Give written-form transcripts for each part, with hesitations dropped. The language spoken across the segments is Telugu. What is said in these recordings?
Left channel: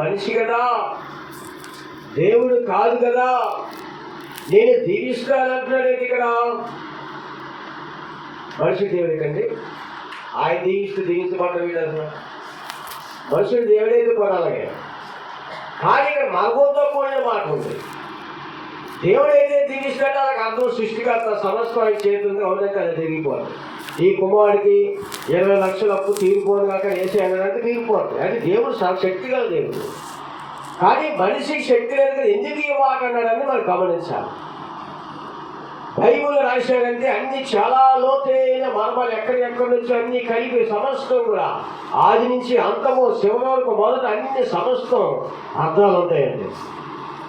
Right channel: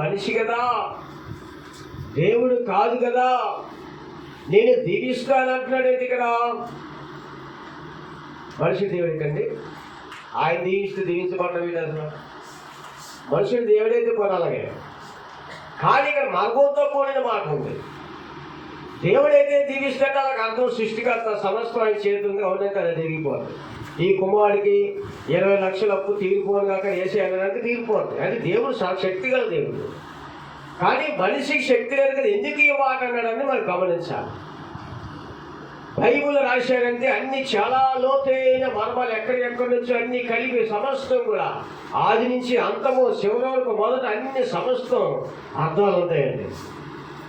మనిషి కదా, దేవుడు కాదు కదా, నేను దీవిస్తానంటున్నాడు. ఇక్కడ మనుషుడు దేవుడు కండి, ఆయన దీవిస్తూ దీవించబడ్డ వీడు అసలు మనుషుడు దేవుడైతే కొనాలే. కానీ ఇక్కడ మగంతో కూడిన మాట ఉంది. దేవుడైతే దీవిస్తాడో వాళ్ళకి అర్థం సృష్టికర్త సమస్తం ఆయన చేతుంది, అవునంటే అది తిరిగిపోదు. ఈ కుమారుడికి 20 లక్షల అప్పు తీరిపోను కాక వేసే అంటే తీరిపోదు. అది దేవుడు శక్తి గల దేవుడు. కానీ మనిషికి శక్తి లేదు కదా, ఎందుకు ఈ మాట అన్నాడని మనం గమనించాలి. బైబుల్ రాశాడంటే అన్ని చాలా లోతైన మర్మాలు ఎక్కడెక్కడి నుంచో అన్ని కలిపి సమస్తం కూడా ఆది నుంచి అంతము చివరి వరకు మొదట అన్ని సమస్తం అర్థాలు ఉంటాయండి.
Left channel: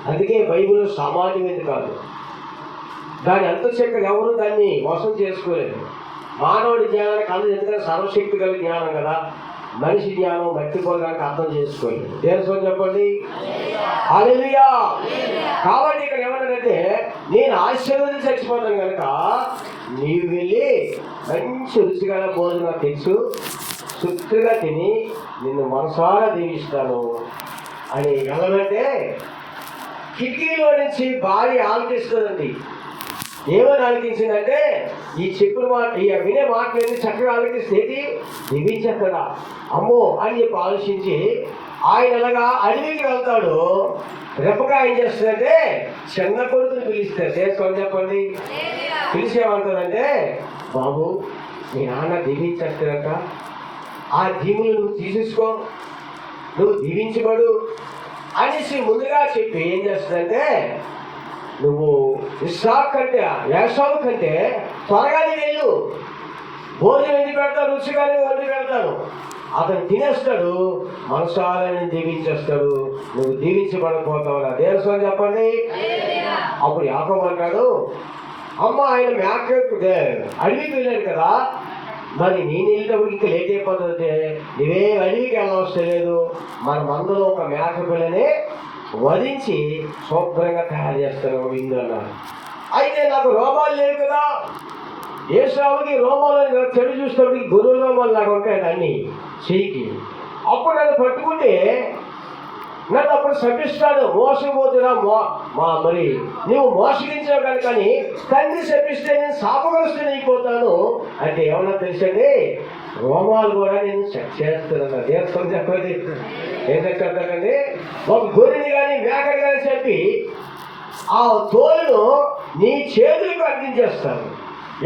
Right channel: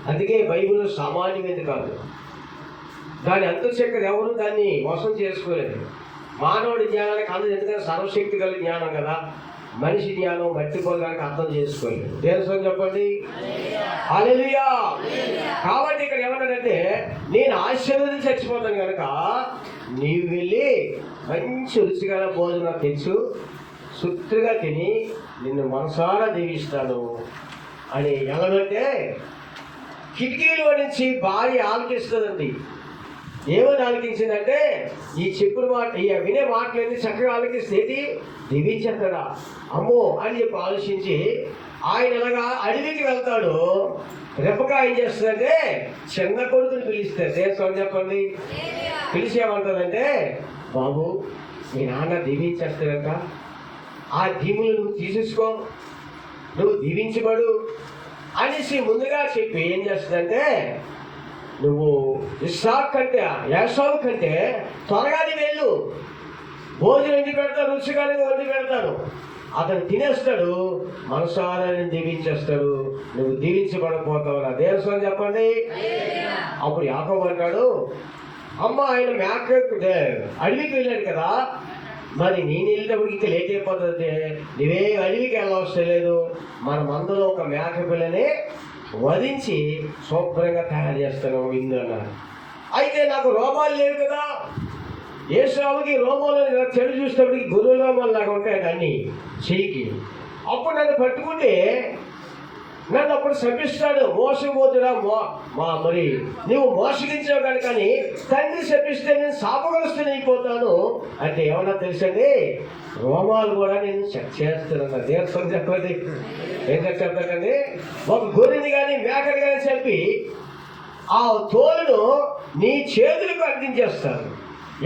అందుకే బైబుల్ సామాన్యమైనది కాదు. దాని అంతశక్తి ఎవరు దాన్ని మోసం చేసుకోలేదు. మానవుడి జ్ఞానానికి అందదు, ఎందుకంటే సర్వశక్తి కలిగిన జ్ఞానం కదా. మనిషి జ్ఞానం మట్టిపోవడానికి అర్థం చేసుకోలేదు. దేనికోసం చెప్పండి, హల్లెలూయా. కాబట్టి ఇక్కడ ఏమంటాడంటే, నేను ఆశీర్వదించి చచ్చిపోతాను కనుక నీవు వెళ్ళి మంచి రుచిగా భోజనం తెలుసు సుత్తుగా తిని నిన్ను మనసారా దీవిస్తాను అని ఎలాగంటే కిటికీలో నుంచి భార్య ఆలకిస్తుందండి. ఏమని ఆలకించిందంటే, ఈ చెప్పుల మాట ఈ వినే మాటలన్నీ చక్కగా ఆలకిస్తేది దివించక్కడా అమ్మో అని చెప్పి ఆలోచించి ఆయన ఎలాగా అడవికి వెళ్తాడు. రెప్పగా ఏం చేస్తుందంటే చిన్న కొడుకుని పిలుస్తారు. దేశం చెప్పండి, పిలిచేమంటుందంటే, బాబు మీ నాన్న దీవించేస్తారంట, ఆ దీవులు నువ్వు తీసేసుకో, నువ్వు దీవించబడు అనేసి ముందుగా చెప్పి ఏం చేస్తుందంటే, నువ్వు ఇస్సాకు కంటే యాకోబు కంటే త్వరగా నీ వెళ్ళు, భోజనం వండి పెడతాను, రుచిగానే వండి పెడతాను, అతను తినేస్తాడు, మనసారాన్ని దీవించేస్తాడు, నువ్వు దీవించబడకపోతావు నా దేశం చెప్పండి. అప్పుడు యాకోబు అంటాడు, అమ్మ ఆయన మేక అడవికి వెళ్ళాడు కదా, మరి నేను వెళ్ళినప్పుడు ఇంకా లేట్ అయిపోతుంది, నువ్వే అడవికి వెళ్ళవలసిన లేదు, మన మందులో ఒక మేక పిల్లని వధించి శుభ్రంగా తయారు చేస్తాను ఇందు అన్నాడు. అయితే నాకు రోమాలు లేవు కదా, ఏసావుకి రోమాలు చెడు చూసేటప్పటికి గురువు రోమాలు నాకు ఉంటాయి అన్నీ చెయ్యికి. అప్పుడు నన్ను పట్టుకుంటే నన్ను అప్పుడు శపిస్తాడు, మోసపోతున్నా మరి నువ్వు మోసగించావు కనుకని తండ్రి శపిస్తే నేను శాపగ్రస్తుని అయిపోతాను అంటే ఏమన్నా తెలుసండి, రోమాలు కూడా నేను చెక్ చేస్తున్నాను. దేశం చెప్పండి ఏం చెప్తానండి, ఒక గొర్రెని కానీ మేకని కానీ చెప్పి ఆ తోలును నీ చేతులకు అందించేస్తాను.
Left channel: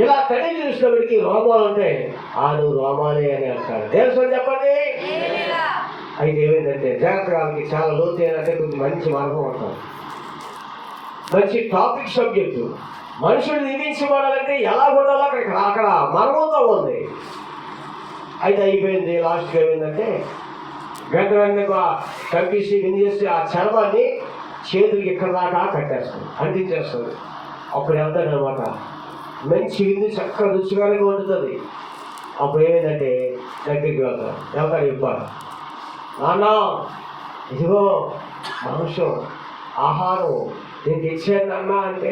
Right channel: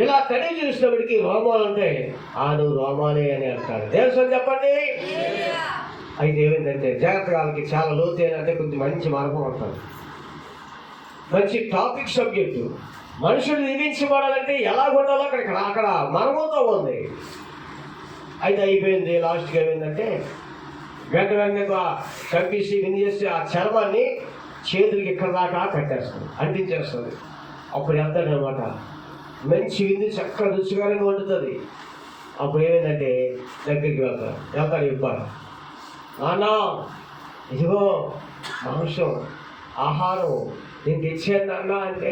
ఇలా తడి చూసినప్పటికీ రోమాలు ఉంటాయి, నువ్వు రోమాలే అని అంటాడు. దేశం చెప్పండి. అయితే ఏమైందంటే జాగ్రత్తకి చాలా లోతైనంటే కొంచెం మంచి మార్గం అంటారు, మంచి టాపిక్ సబ్జెక్టు. మనుషులు దీవించబడాలంటే ఎలా ఉండాలో అక్కడ మర్మంతో ఉంది. అయితే అయిపోయింది. లాస్ట్కి ఏమైందంటే వెంటనే కంపేసి విందేసి ఆ చర్మాన్ని చేతులకి ఇక్కడ దాకా కట్టేస్తుంది, అంటించేస్తుంది. అప్పుడు వెళ్తాడనమాట, మంచి విందు చక్కగా రుచిగానే వండుతుంది. అప్పుడు ఏమైందంటే దగ్గరికి వెళ్తాడు ఇవ్వాలి, నాన్న ఇదిగో మాంసం ఆహారం నేను తెచ్చాను అన్నా అంటే,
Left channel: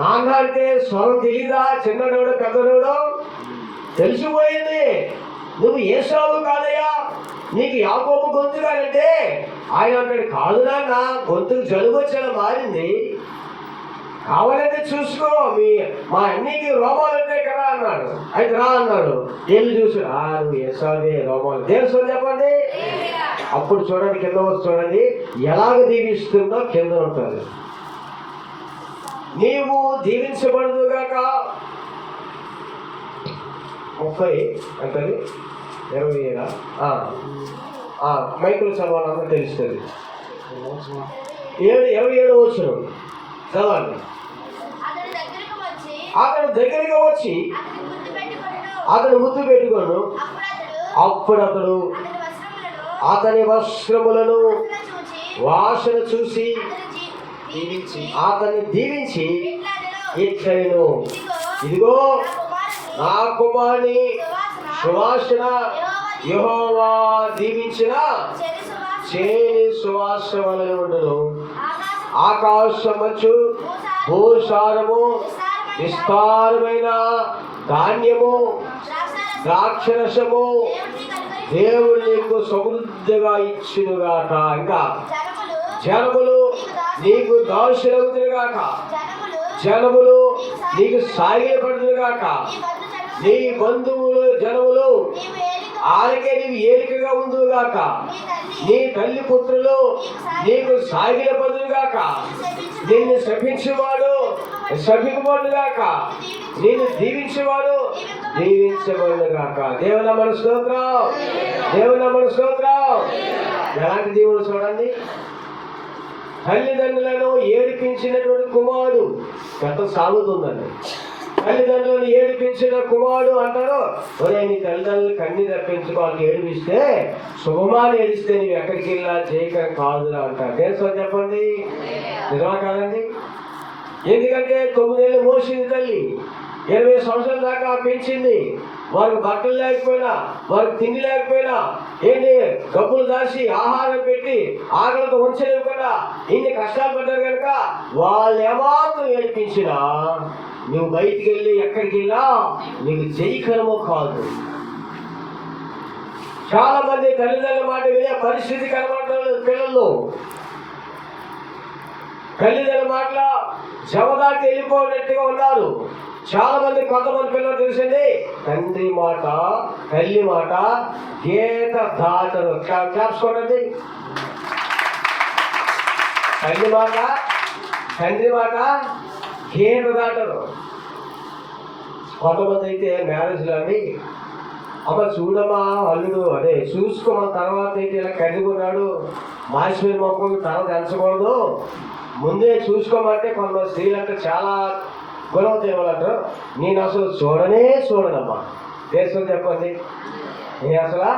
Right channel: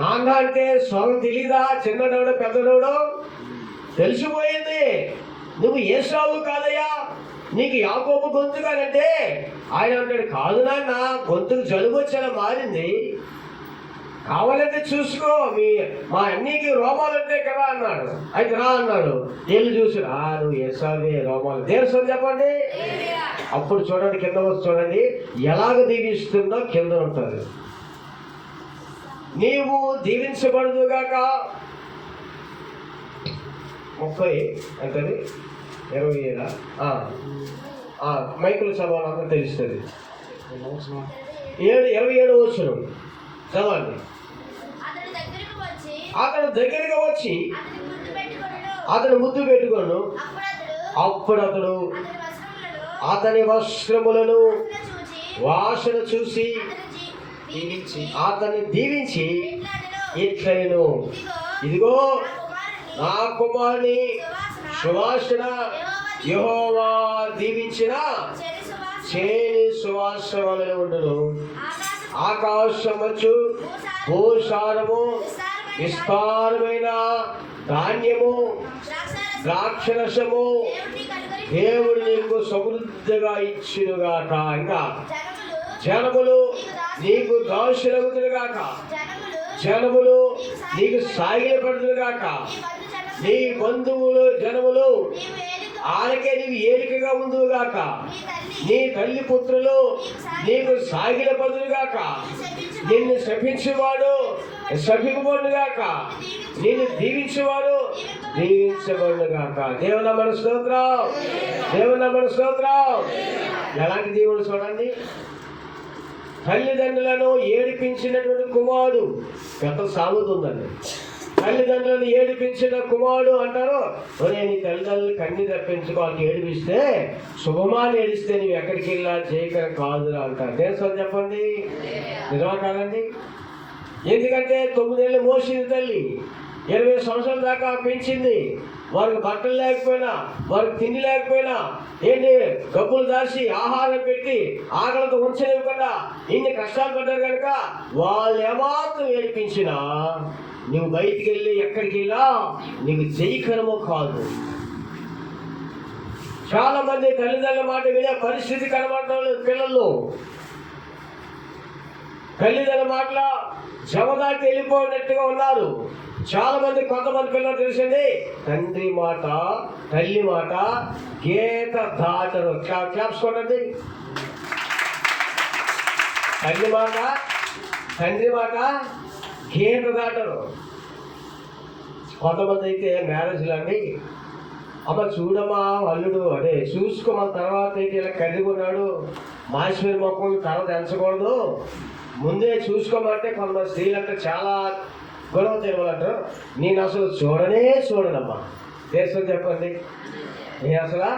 నాన్న అంటే స్వరం తెలీదా, చిన్నడోడో పెద్దడోడో తెలిసిపోయింది, నువ్వు ఏసావు కాదయ్యా, నీకు యాకోబు గొంతు కాదంటే ఆయన అంటాడు, కాదు నాన్న గొంతుకు జలుబు వచ్చేలా మారింది, కావాలంటే చూసుకో, మా అన్నికి రోమాలు ఉంటాయి కదా అన్నాడు. అయితే రా అన్నాడు, ఏళ్ళు చూసి నువ్వు ఏసావే రోమాలు. దేశం చెప్పండి. అప్పుడు చూడండి, కింద వచ్చి చూడండి ఎలాగ దీవిస్తుందో కింద ఉంటుంది. నీవు దీవించబడదుగాక 30 ఎంతది 27 మైకులు చదవాలన్నా తెలుస్తుంది. 27 వచ్చును చదవండి. అతను దగ్గరగా వచ్చి అతను ముద్దు పెట్టుకోను, అప్పుడు అతడు అతని వస్త్రములను వాసన చూసి అతన్ని దీవించి ఇట్లను, ఇదిగో నా కుమారుని సువాసన యెహోవా దీవించిన చేని సువాసన వలన ఉండును, ఆకాశమంచు భూసారము విస్తారమైన ధాన్యము ద్రాక్షరసము దేవుడు నీకు సమృద్ధిగా ఇచ్చునుగాక. ఇంకా జనములు నీకు దాసులవుతురుగాక. జనములు నీకు సాగిలపడుతురుగాక. నీ బంధువులు జనములు ఆలకే నీకు ఏలికగా ఉందుగాక. నీ తల్లి పుత్రులు నీకు సాగిలపడుగాక. నిన్ను శపించేవాడు శపింపబడుగాక. నిన్ను దీవించేవాడు దీవించబడుగాక. దేవుని మన స్తోత్రం, దేవుని మన స్తోత్రం. ఎలాంటి దేవుడు చూడండి. తల్లిదండ్రులను ఏడిపించినటువంటి కుమారుడు ఎంత సాగుతుందండి. తల్లిదండ్రులను ఏడిపించిన కుమారుడు అంటారు, ఒరే నీ తల్లిదండ్రులు కన్నీ తప్పించుకోవాలి, ఏడిపిస్తే శుభమాని ఏడిస్తే నువ్వు ఎక్కడికి వెళ్ళినా జయకరం కాదురా అంటారు. దేశం చెప్పండి, నిజమా కాదండి? ఎందుకంటే 9 ఏళ్ళు మోసింది తల్లి, 20 సంవత్సరాల దాకా పెంచింది. వారికి బట్టలు లేకపోయినా, వారికి తిండి లేకపోయినా, ఏంటి గబ్బులు దాచి ఆహారం పెట్టి ఆకలితో ఉంచలేకుండా ఇన్ని కష్టాలు పడ్డారు కనుక వాళ్ళు ఏమాత్రం ఏడిపించినా నువ్వు బయటికి వెళ్ళి ఎక్కడికి వెళ్ళా నీకు జయకరమో కాదు. చాలా మంది తల్లిదండ్రుల మాట వినే పరిస్థితి కనబడలేదు పిల్లలు. తల్లిదండ్రుల మాటల జవదాటి వెళ్ళిపోయినట్టుగా ఉన్నారు చాలా మంది. కొంతమంది పిల్లలు తెలిసింది, తండ్రి మాట తల్లి మాట గీత దాటరు. క్లాప్స్ కొట్టండి. తల్లి మాట తండ్రి మాట గీత దాటరు. కొంతమంది అయితే మ్యారేజ్లు అండి, అమ్మ చూడమ్మా అల్లుడు అదే చూసుకోమన్న తర్వాత అయితే ఇలా కర్రీకున్నాడు, మాసిపోయిన మొక్కలు తర్వాత ఎంచకూడదు, ముందే చూసుకోమంటే కొంతమంది స్త్రీలంటే చాలా గొడవ తేవాలంటారు. నేను అసలు చూడనమ్మా. దేశం చెప్పండి, నేను అసలు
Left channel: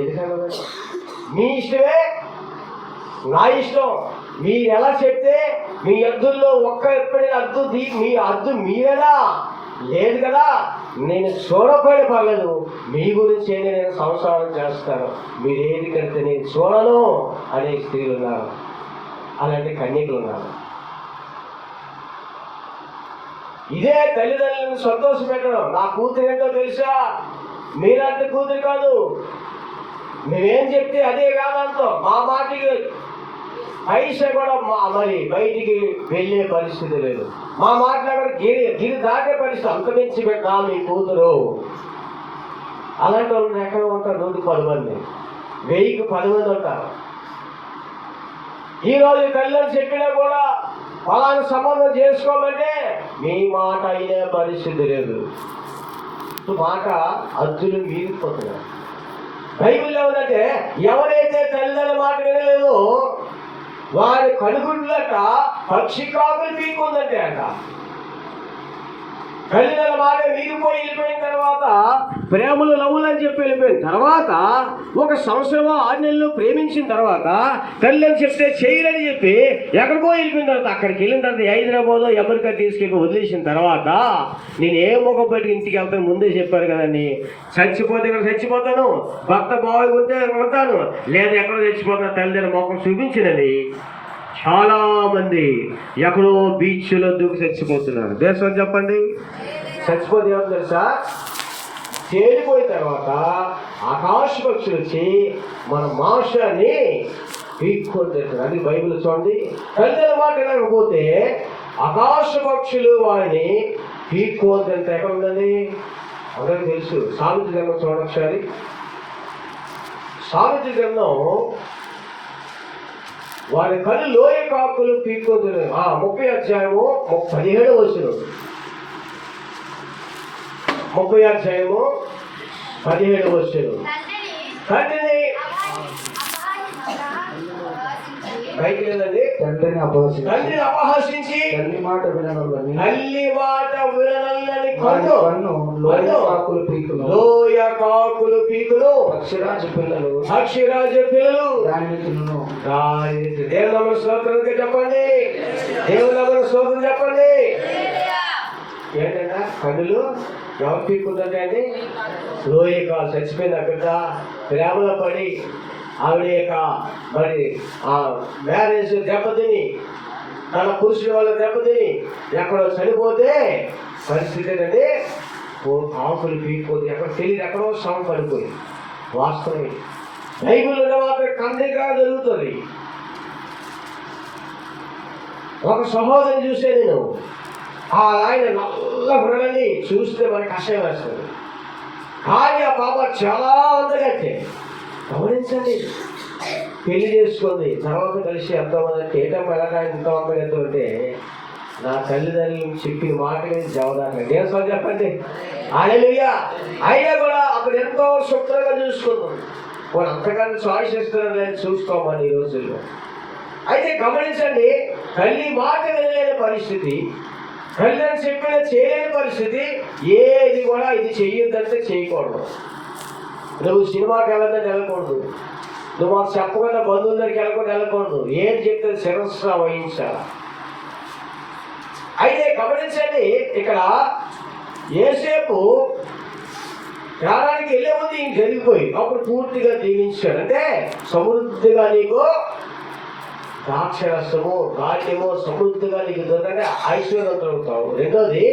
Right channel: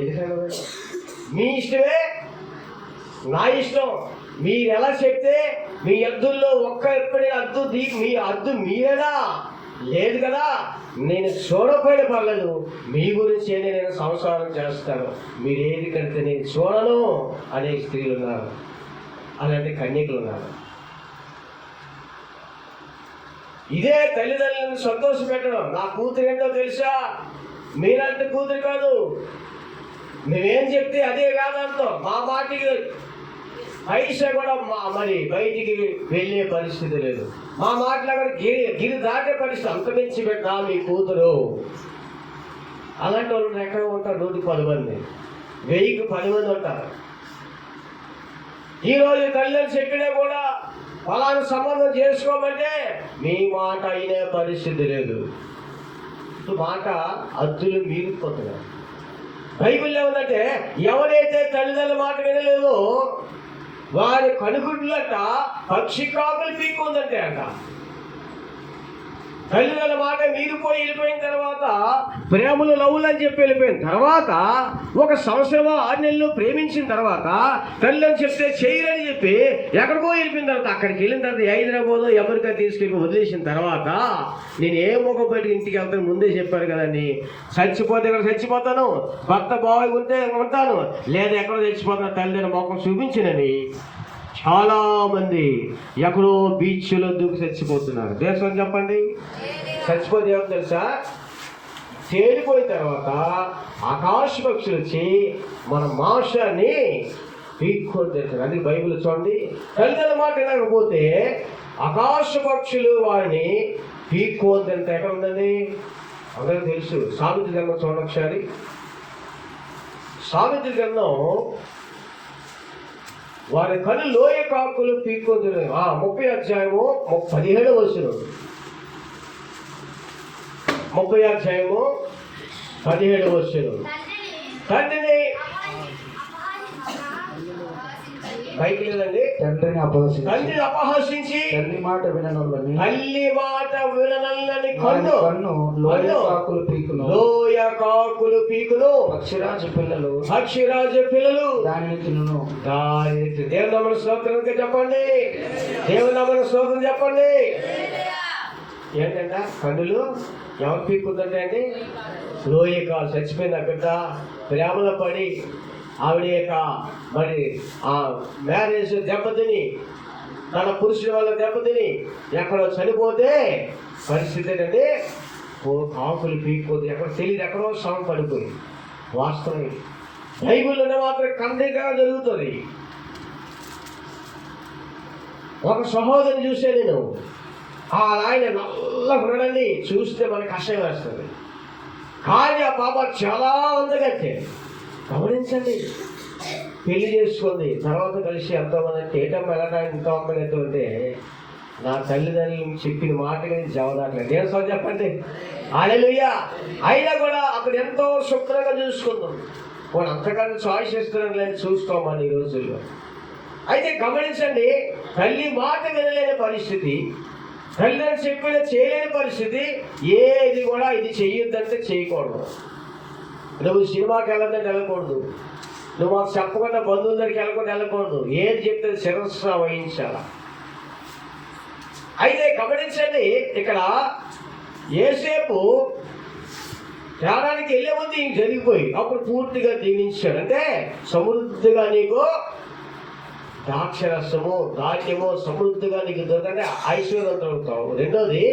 ఎందుకంటే మీ ఇష్టమే నా ఇష్టం. మీరు ఎలా చెప్తే మీ అద్దుల్లో ఎప్పుడైనా అద్దు మీ అద్దు మీరేనా లేదు కదా, నేను చూడకపోయిన పర్లేదు, మీ గురించి నేను సంసారం చేస్తాను, మీరు ఏది కడితే నేను చూడను అనే స్త్రీలు ఉన్నారు, అలాంటి కన్యకులు ఉన్నారు. ఇదే తల్లిదండ్రులను సంతోష పెట్టడం. నా కూతురు ఏంటో తెలుసా, మీరంటే కూతురు కాదు, మేమేం చెప్తే అదే కాదంతో మా మాటికి పైసా కూడా మరి బయటికి వెళ్ళే పరిస్థితి లేదు. మా మాటలు అక్కడ గిరి దాటే పరిస్థితి, అంతమించి పెట్టా మీ కూతురు. అలాంటి వాళ్ళు ఎక్కడ ఉంటారు? 110 మంది, 1000కి 10 మంది ఉంటారు. ఈరోజు తల్లిదండ్రులు చెప్పినా కూడా ఫలానా సంబంధం చేసుకోమంటే మీ మాట అయిన పరిస్థితి లేదు. మాట అద్దులు మీరిపోతున్నారు. బైబిల్లో ఉందంటే ఎవరైతే తల్లిదండ్రుల మాట వినలేదో వారి కనుగుడ్లట పక్షి కాకులు పీకుందంటే అంట. తల్లిదండ్రుల మాట వెళ్ళిపోయిన తర్వాత ప్రేమలు లవ్వులు అని చెప్పి వెళ్ళిపోయిన తర్వాత 1 సంవత్సరమో 6 నెలలు ప్రేమించిన తర్వాత తల్లిదండ్రులు చెప్తే చేయరని చెప్పి ఎక్కడికో వెళ్ళిపోయిన తర్వాత అక్కడికి వెళ్ళిన తర్వాత హైదరాబాద్ అమెరికా తీసుకెళ్ళి వదిలేసిన తర్వాత నేను ఏ ముఖం బయటకు ఇంటికి వెళ్తాను ముందే చెప్పారు కదండి. చచ్చిపోతే ఇక్కడ చచ్చిపోతాను, భర్త బాగా ఉంటే ఉంటాను, లేదా ఎక్కడో చచ్చిపోతాను, తల్లిదండ్రుల ముఖం చూపించినని చాలా మంది ఎక్కడో బీచ్లో దూకి చచ్చిపోతున్నారు. దేశం చెప్పండి, చచ్చిపోతే ఏమో తెలుసా, తేలిపోయిన తర్వాత ఆకాశ పక్షులు వచ్చి మన మాంసాన్ని పీక్కుంటారు. అది బైబిల్ చూడండి. తల్లిదండ్రుల మాట వినకపోతే ఆకాశ పక్షులు వారిని పీక్కోవద్దంటే ఎక్కడ ఉందండి అందరికీ తెలుసు. సామెతల గ్రంథం చూడండి ఒకసారి. సామెతల గ్రంథం వారి కళ్ళు లోయ కాకులు పీక్కోదు. 30 అధ్యాయము 17వ వచనం. 30 అధ్యాయము 17వ వచనం. తండ్రిని పైకి లేదండి, తండ్రిని అపహసించి తల్లి మాట విననల్లని కన్ను లోయ కాకులు పీకులు అక్షరాజ పిల్లలు దానిని తిను. దేవుని స్తోత్రం చెప్పండి, దేవుని స్తోత్రం చెప్పండి. ఏంటంటే కన్నులు ఎవరు పీక్కుందంటే అండి, లోయ కాలు చచ్చిపోయింది ఆ బిడ్డ ప్రేమలో పడి ఆవిడ యొక్క మరి ఆ మ్యారేజ్ దెబ్బతిని తన పురుషుడి వల్ల దెబ్బతిని ఎక్కడో చనిపోతే పరిస్థితి ఏంటంటే కాకులు పీక్కోదు, ఎక్కడ తెలియదు, ఎక్కడో సౌండ్ పడిపోయింది. వాస్తవమే. బైబిల్ ఉన్న మాత్రం ఖండిగా జరుగుతుంది. ఒక సహోదరిని చూసే నేను, ఆయన నల్ల గుర్రని చూస్తే మనకు కషాయం వేస్తుంది. కానీ ఆ పాప చాలా అందగత్తే. గమనించండి, పెళ్లి చేసుకుంది, తర్వాత కలిసి ఎంతోమంది ఏటమ్మ ఎలాగా ఇంత అందగత్తే ఉంటే నా తల్లిదండ్రులు చెప్పిన మాటలే జవదాక దేశం చెప్పండి. హల్లెలూయా. అయినా కూడా అప్పుడు ఎంతో శుభ్రంగా చూసుకుందాం. వాడు అంతకన్నా చాయిస్ ఇస్తున్నారు లేదు, చూసుకోమని ఈ రోజుల్లో. అయితే గమనించండి, తల్లి మాట వినలేని పరిస్థితి, తల్లిదండ్రులు చెప్పిన చేయలేని పరిస్థితి, ఏది కూడా ఇది చెయ్యొద్దంటే చేయకూడదు. నువ్వు సినిమాకి వెళ్ళొద్దంటే వెళ్ళకూడదు, నువ్వు మాకు చెప్పకుండా బంధువుల దగ్గరికి వెళ్ళకుండా వెళ్ళకూడదు. ఏది చెప్తే శిరస్సు వహించాలా. అయితే గమనించండి, ఇక్కడ యేసేపు ప్రాణానికి వెళ్ళే ముందు ఇంక జరిగిపోయి అప్పుడు పూర్తిగా దీవించాడు. అంటే సమృద్ధిగా నీకు ద్రాక్షరసము ధాన్యము సమృద్ధిగా నీకు దొరకంటే ఐశ్వర్యవంతులు అవుతావు. రెండోది,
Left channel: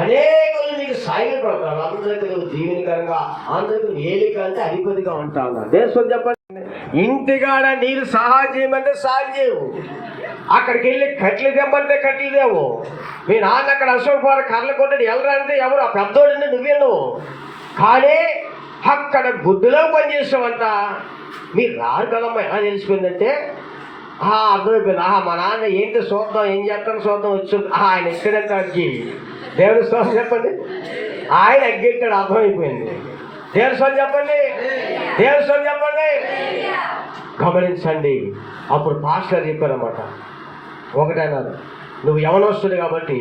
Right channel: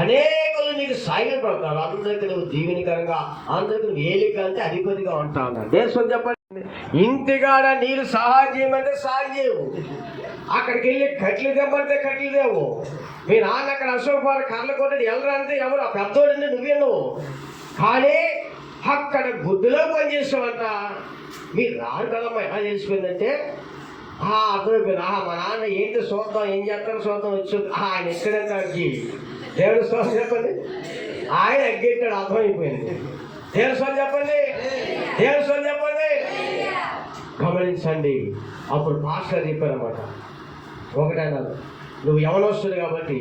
అనేకులు నీకు సాయపడతారు, అందరికీ నువ్వు దీవెనకరంగా, అందరికీ నువ్వు ఏలిక అంటే అధిపతిగా ఉంటావు అన్నాడు. దేశం చెప్పండి, ఇంటికాడ నీరు సహాయం చేయమంటే సహాయం చేయవు, అక్కడికి వెళ్ళి కట్లు తెమ్మంటే కట్లు దేవు, మీ నాన్న అక్కడ అశోకపురం కర్రలు కొట్టడి ఎవరు అంటే ఎవరు, ఆ పెద్దోడంటే నువ్వేను. కానీ అక్కడ గుడ్డులో పనిచేసావంట. మీరు రారు కదమ్మా, ఎలా తెలిసిపోయిందంటే అర్థమైపోయింది. మా నాన్న ఏంటి చూద్దాం, ఏం చేస్తాను చూద్దాం వచ్చింది. ఆయన ఎక్కడంటే దేవుడి స్వామి చెప్పండి, ఆయన ఎగ్గెట్టాడు, అర్థమైపోయింది. దేవుడి స్వామి చెప్పండి, దేవుడి స్వామి చెప్పండి. గమనించండి, అప్పుడు పాస్టర్ చెప్పారన్నమాట. ఒకటైనాడు, నువ్వు యవనస్తుడు కాబట్టి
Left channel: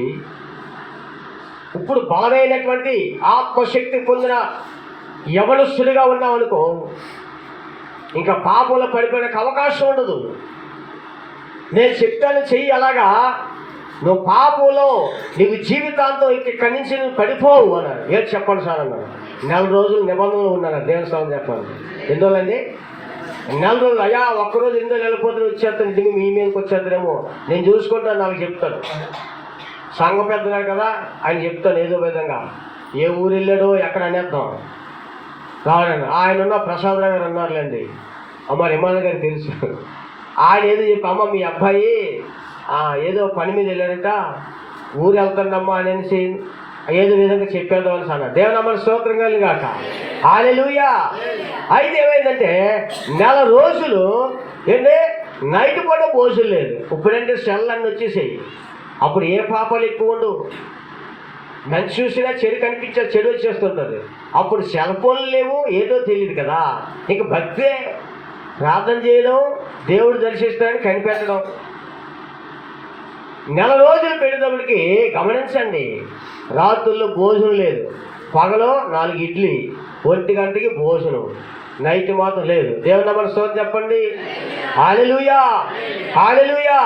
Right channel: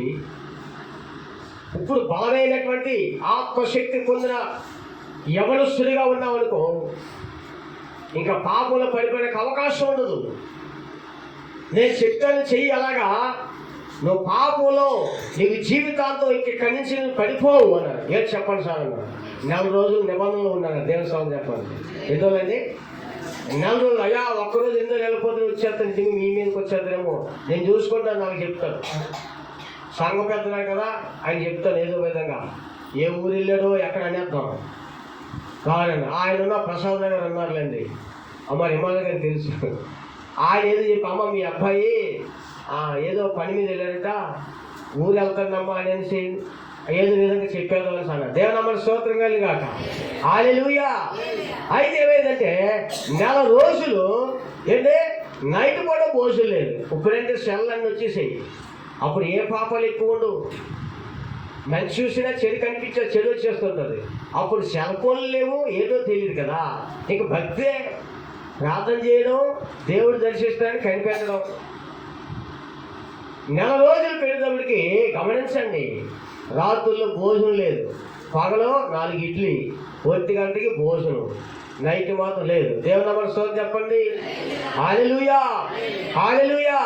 ఇప్పుడు బలమైనటువంటి ఆత్మశక్తి పొందిన యవనస్తుడిగా ఉన్నావు అనుకో, ఇంకా పాపంలో పడిపోయినకు అవకాశం ఉండదు. నేను చెప్తాను చెయ్యి, అలాగా నువ్వు పాపంలో నీకు జీవితాంతం ఇక్కడి నుంచి నువ్వు పడిపోవు అన్నారు. ఏది చెప్పండి సార్ అన్నారు. 4 రోజులు నిబంధనలు ఉన్నారు. దేవుని స్వామి చెప్పాలి. ఎందుకండి 4 రోజులు, అయ్యా ఒక్కరోజు ఎందుకు వెళ్ళిపోతే వచ్చేస్తాను, ఇంటికి మీ మీదకి వచ్చేస్తారేమో, నేను చూసుకుంటాను, నాకు చెప్తాను. సంఘ పెద్దగా కదా ఆయన చెప్తాను ఏదో విధంగా. ఏ ఊరు వెళ్ళాడో ఎక్కడ అనేద్దాం కావాలండి. ఆయన ఉన్న ప్రసాద్ గారు అన్నారులేండి, అమ్మ రిమాన్ గారికి తెలుసు. ఆయన ఏదో చెప్పి, అమ్మ మీ అబ్బాయి ఏదో పని మీద వెళ్ళాడట, ఊరు వెళ్తాడమ్మా అనేసి ఏదో విధంగా చెప్పేద్దాం అని అన్నాడు. దేవుని స్తోత్రం కలిగి కాక. హల్లెలూయా. అయితే ఏమైందంటే 4 రోజులు ఏంటంటే నైట్ పూట భోజనం లేదు. ఇప్పుడంటే సెల్ అన్నీ వచ్చేసాయి. అప్పుడు ఏ పాపాలు ఎక్కువ ఉండు, మంచి చూసినా చెడు కనిపించే చెడు వచ్చేస్తుంటుంది. అప్పుడు సెల్ ఫోన్లు లేవు, ఏదో తెలియదు కదా. ఇక భక్తే, ప్రార్థన చేయడం, దేవుడు దర్శిస్తాడని కనిపెట్టడం. 4 రోజులు పెట్టేటప్పటికి గమనించండి, రాత్రుల్లో భోజనం లేదు, పగలో 4 ఇడ్లీ, 1 గంటకి భోజనం, నైట్ మాత్రం లేదు. దేవుని నామమున స్తోత్రం చెప్పండి. హల్లెలూయా, హల్లెలూయా.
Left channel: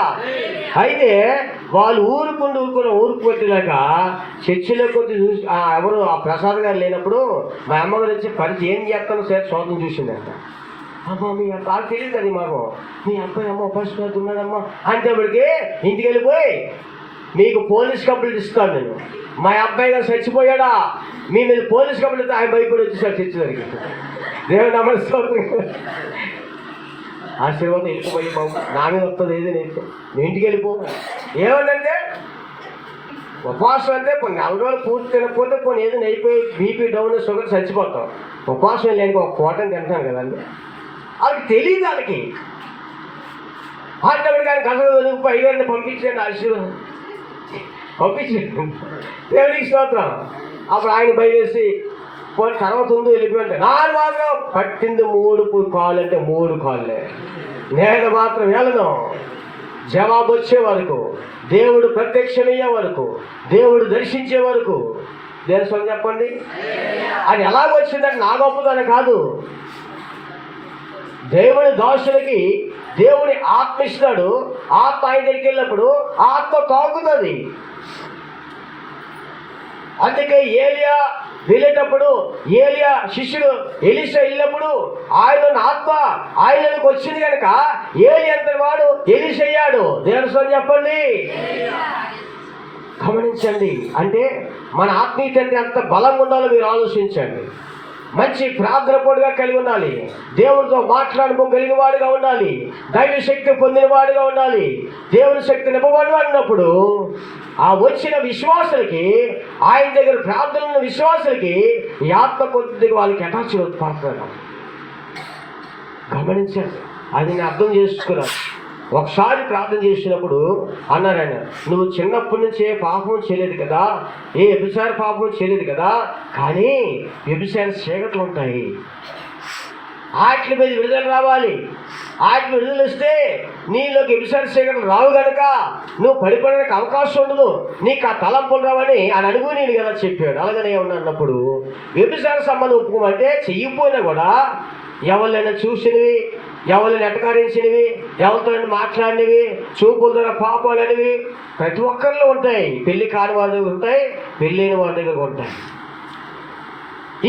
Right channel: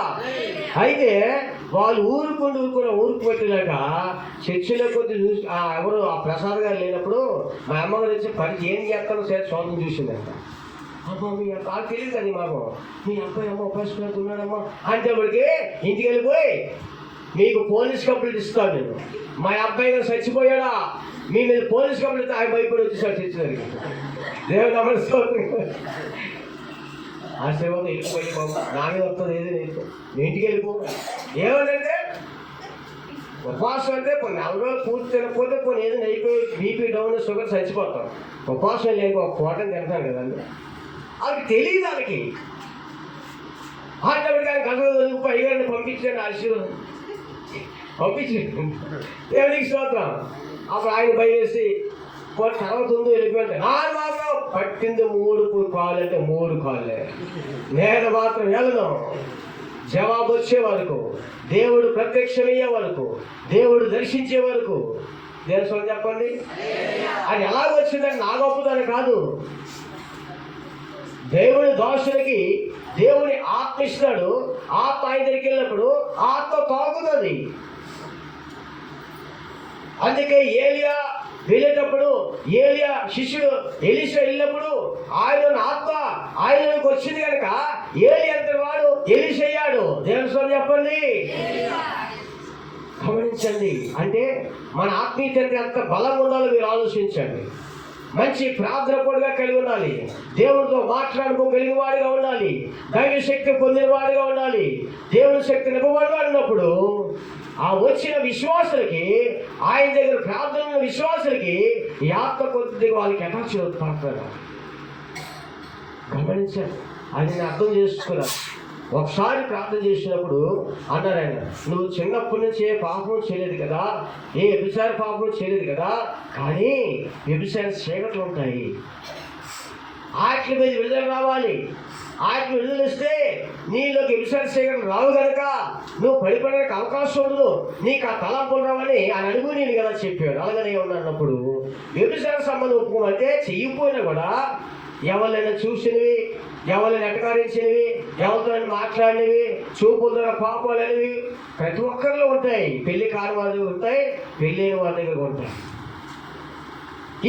అయితే వాళ్ళు ఊరుకు పెట్టినాక చర్చిలో కొద్ది చూసి ఎవరు ఆ ప్రసాద్ గారు లేనప్పుడు మా అమ్మగారు వచ్చి పని ఏం చేస్తానో సేపు శోధన చూసిందంట. అమ్మ మీ నాకు తెలియదు అది మాకు, మీ అబ్బాయి అమ్మ ఉపాసన ఉన్నాడమ్మా అంటే ఇప్పటికి ఇంటికి వెళ్ళిపోయి మీకు పోలీస్ కంప్లైంట్ ఇస్తాను నేను, మా అబ్బాయి గారు చచ్చిపోయాడా, మీ మీద పోలీస్ కంప్లైంట్, ఆయన భయపడి వచ్చేసాడు చర్చి దగ్గరికి. దేవుని నమస్కారం. ఆశీర్వాదం వెళ్ళిపోయి బాబు నా మీద వస్తుంది, ఏది నేను మీ ఇంటికి వెళ్ళిపో. ఏమంటే ఉపవాసం అంటే కొన్ని 4 రోజులు పూర్తి తినకపోతే కొన్ని ఏదైనా అయిపోయి బీపీ డౌన్ షుగర్ చచ్చిపోతాం. ఉపవాసం లేని ఒక పూటని తింటాను కదండి, వాళ్ళకి తెలియదు. వాళ్ళకి ఆటోడికి ఆయన గంటలు అయ్యారిని పంపించండి, ఆశీర్వాదం పంపించండి, దేవుడికి స్తోత్రం. అప్పుడు ఆయన భయవేసి పోనీ తర్వాత ఉందో వెళ్ళిపోయింది. నాన్న మాత్రం పట్టింది 3 కాళ్ళు అంటే 3 కాళ్ళే. నేను మాత్రం వెళ్ళను, జవాబు వచ్చే వరకు, దేవుడు ప్రత్యక్షమయ్యే వరకు, దేవుడు దర్శించే వరకు. దేశం చెప్పండి, అది ఎలాగ వచ్చిందని నా గొప్పదని కాదు. దేవుడి దాసులకి దేవుడి ఆత్మ ఇస్తాడు. ఆత్మ ఆయన దగ్గరికి వెళ్ళినప్పుడు ఆత్మ తాకుతుంది. అందుకే ఏలియా వెళ్ళేటప్పుడు, ఏలియా శిష్యుడు ఎలీషా వెళ్ళినప్పుడు ఆయన ఆత్మ ఆయనకు వచ్చింది కనుక ఏలి అంతటి వాడు ఎలీషా అయ్యాడు. దేవుని చెప్పండి. గమనించండి, అంటే మన ఆత్మీయత ఎంత బలం ఉండాలో మీరు ఆలోచించండి. మంచి ప్రార్థన పొడిగా కలిగి ఉండాలి, దేవుడితో మాట్లాడుకో కలిగిన వాడిగా ఉండాలి, దైవ శక్తి పొందిన వాడిగా ఉండాలి. దేవుని శక్తి నింపబడినప్పుడు ఆ వచ్చిన విశ్వాసులకి, ఆయన దగ్గర ప్రార్థన విశ్వాసులకి ఈ ఆత్మ కొద్దిగా వాళ్ళకి అటాచ్ పడుతున్నారు. గమనించారు, అది నేను అర్థం చేసుకున్నాను. ఒకసారి ప్రార్థన చేసినప్పుడు అన్నారు ఆయన, నువ్వు చిన్నప్పటి నుంచే పాపం చేయలేదు కదా, ఏ వ్యభిచార పాపం చేయలేదు కదా, కానీ వ్యభిచార చీకట్లు ఉంటాయి, వాటి మీద విడుదల రావాలి. వాటి విడుదల వస్తే నీలోకి వ్యభిచార చీకట్లు రావు కనుక నువ్వు పడిపోవడానికి అవకాశం ఉండదు, నీకు ఆ తలంపులు రావని ఆయన అడుగు నేను కదా చెప్పాడు. అలాగనే ఉన్నప్పుడు వ్యభిచార సంబంధం ఒప్పుకోమంటే చెయ్యిపోయినా కూడా ఎవరైనా చూసినవి, ఎవరిని ఎటకారించినవి, ఎవరితో మాట్లాడినవి, చూపుల ద్వారా పాపాలు అనేవి ప్రతి ఒక్కరిలో ఉంటాయి. పెళ్లి కాని వాళ్ళ దగ్గర ఉంటాయి, పెళ్ళైన వాళ్ళ దగ్గర ఉంటాయి.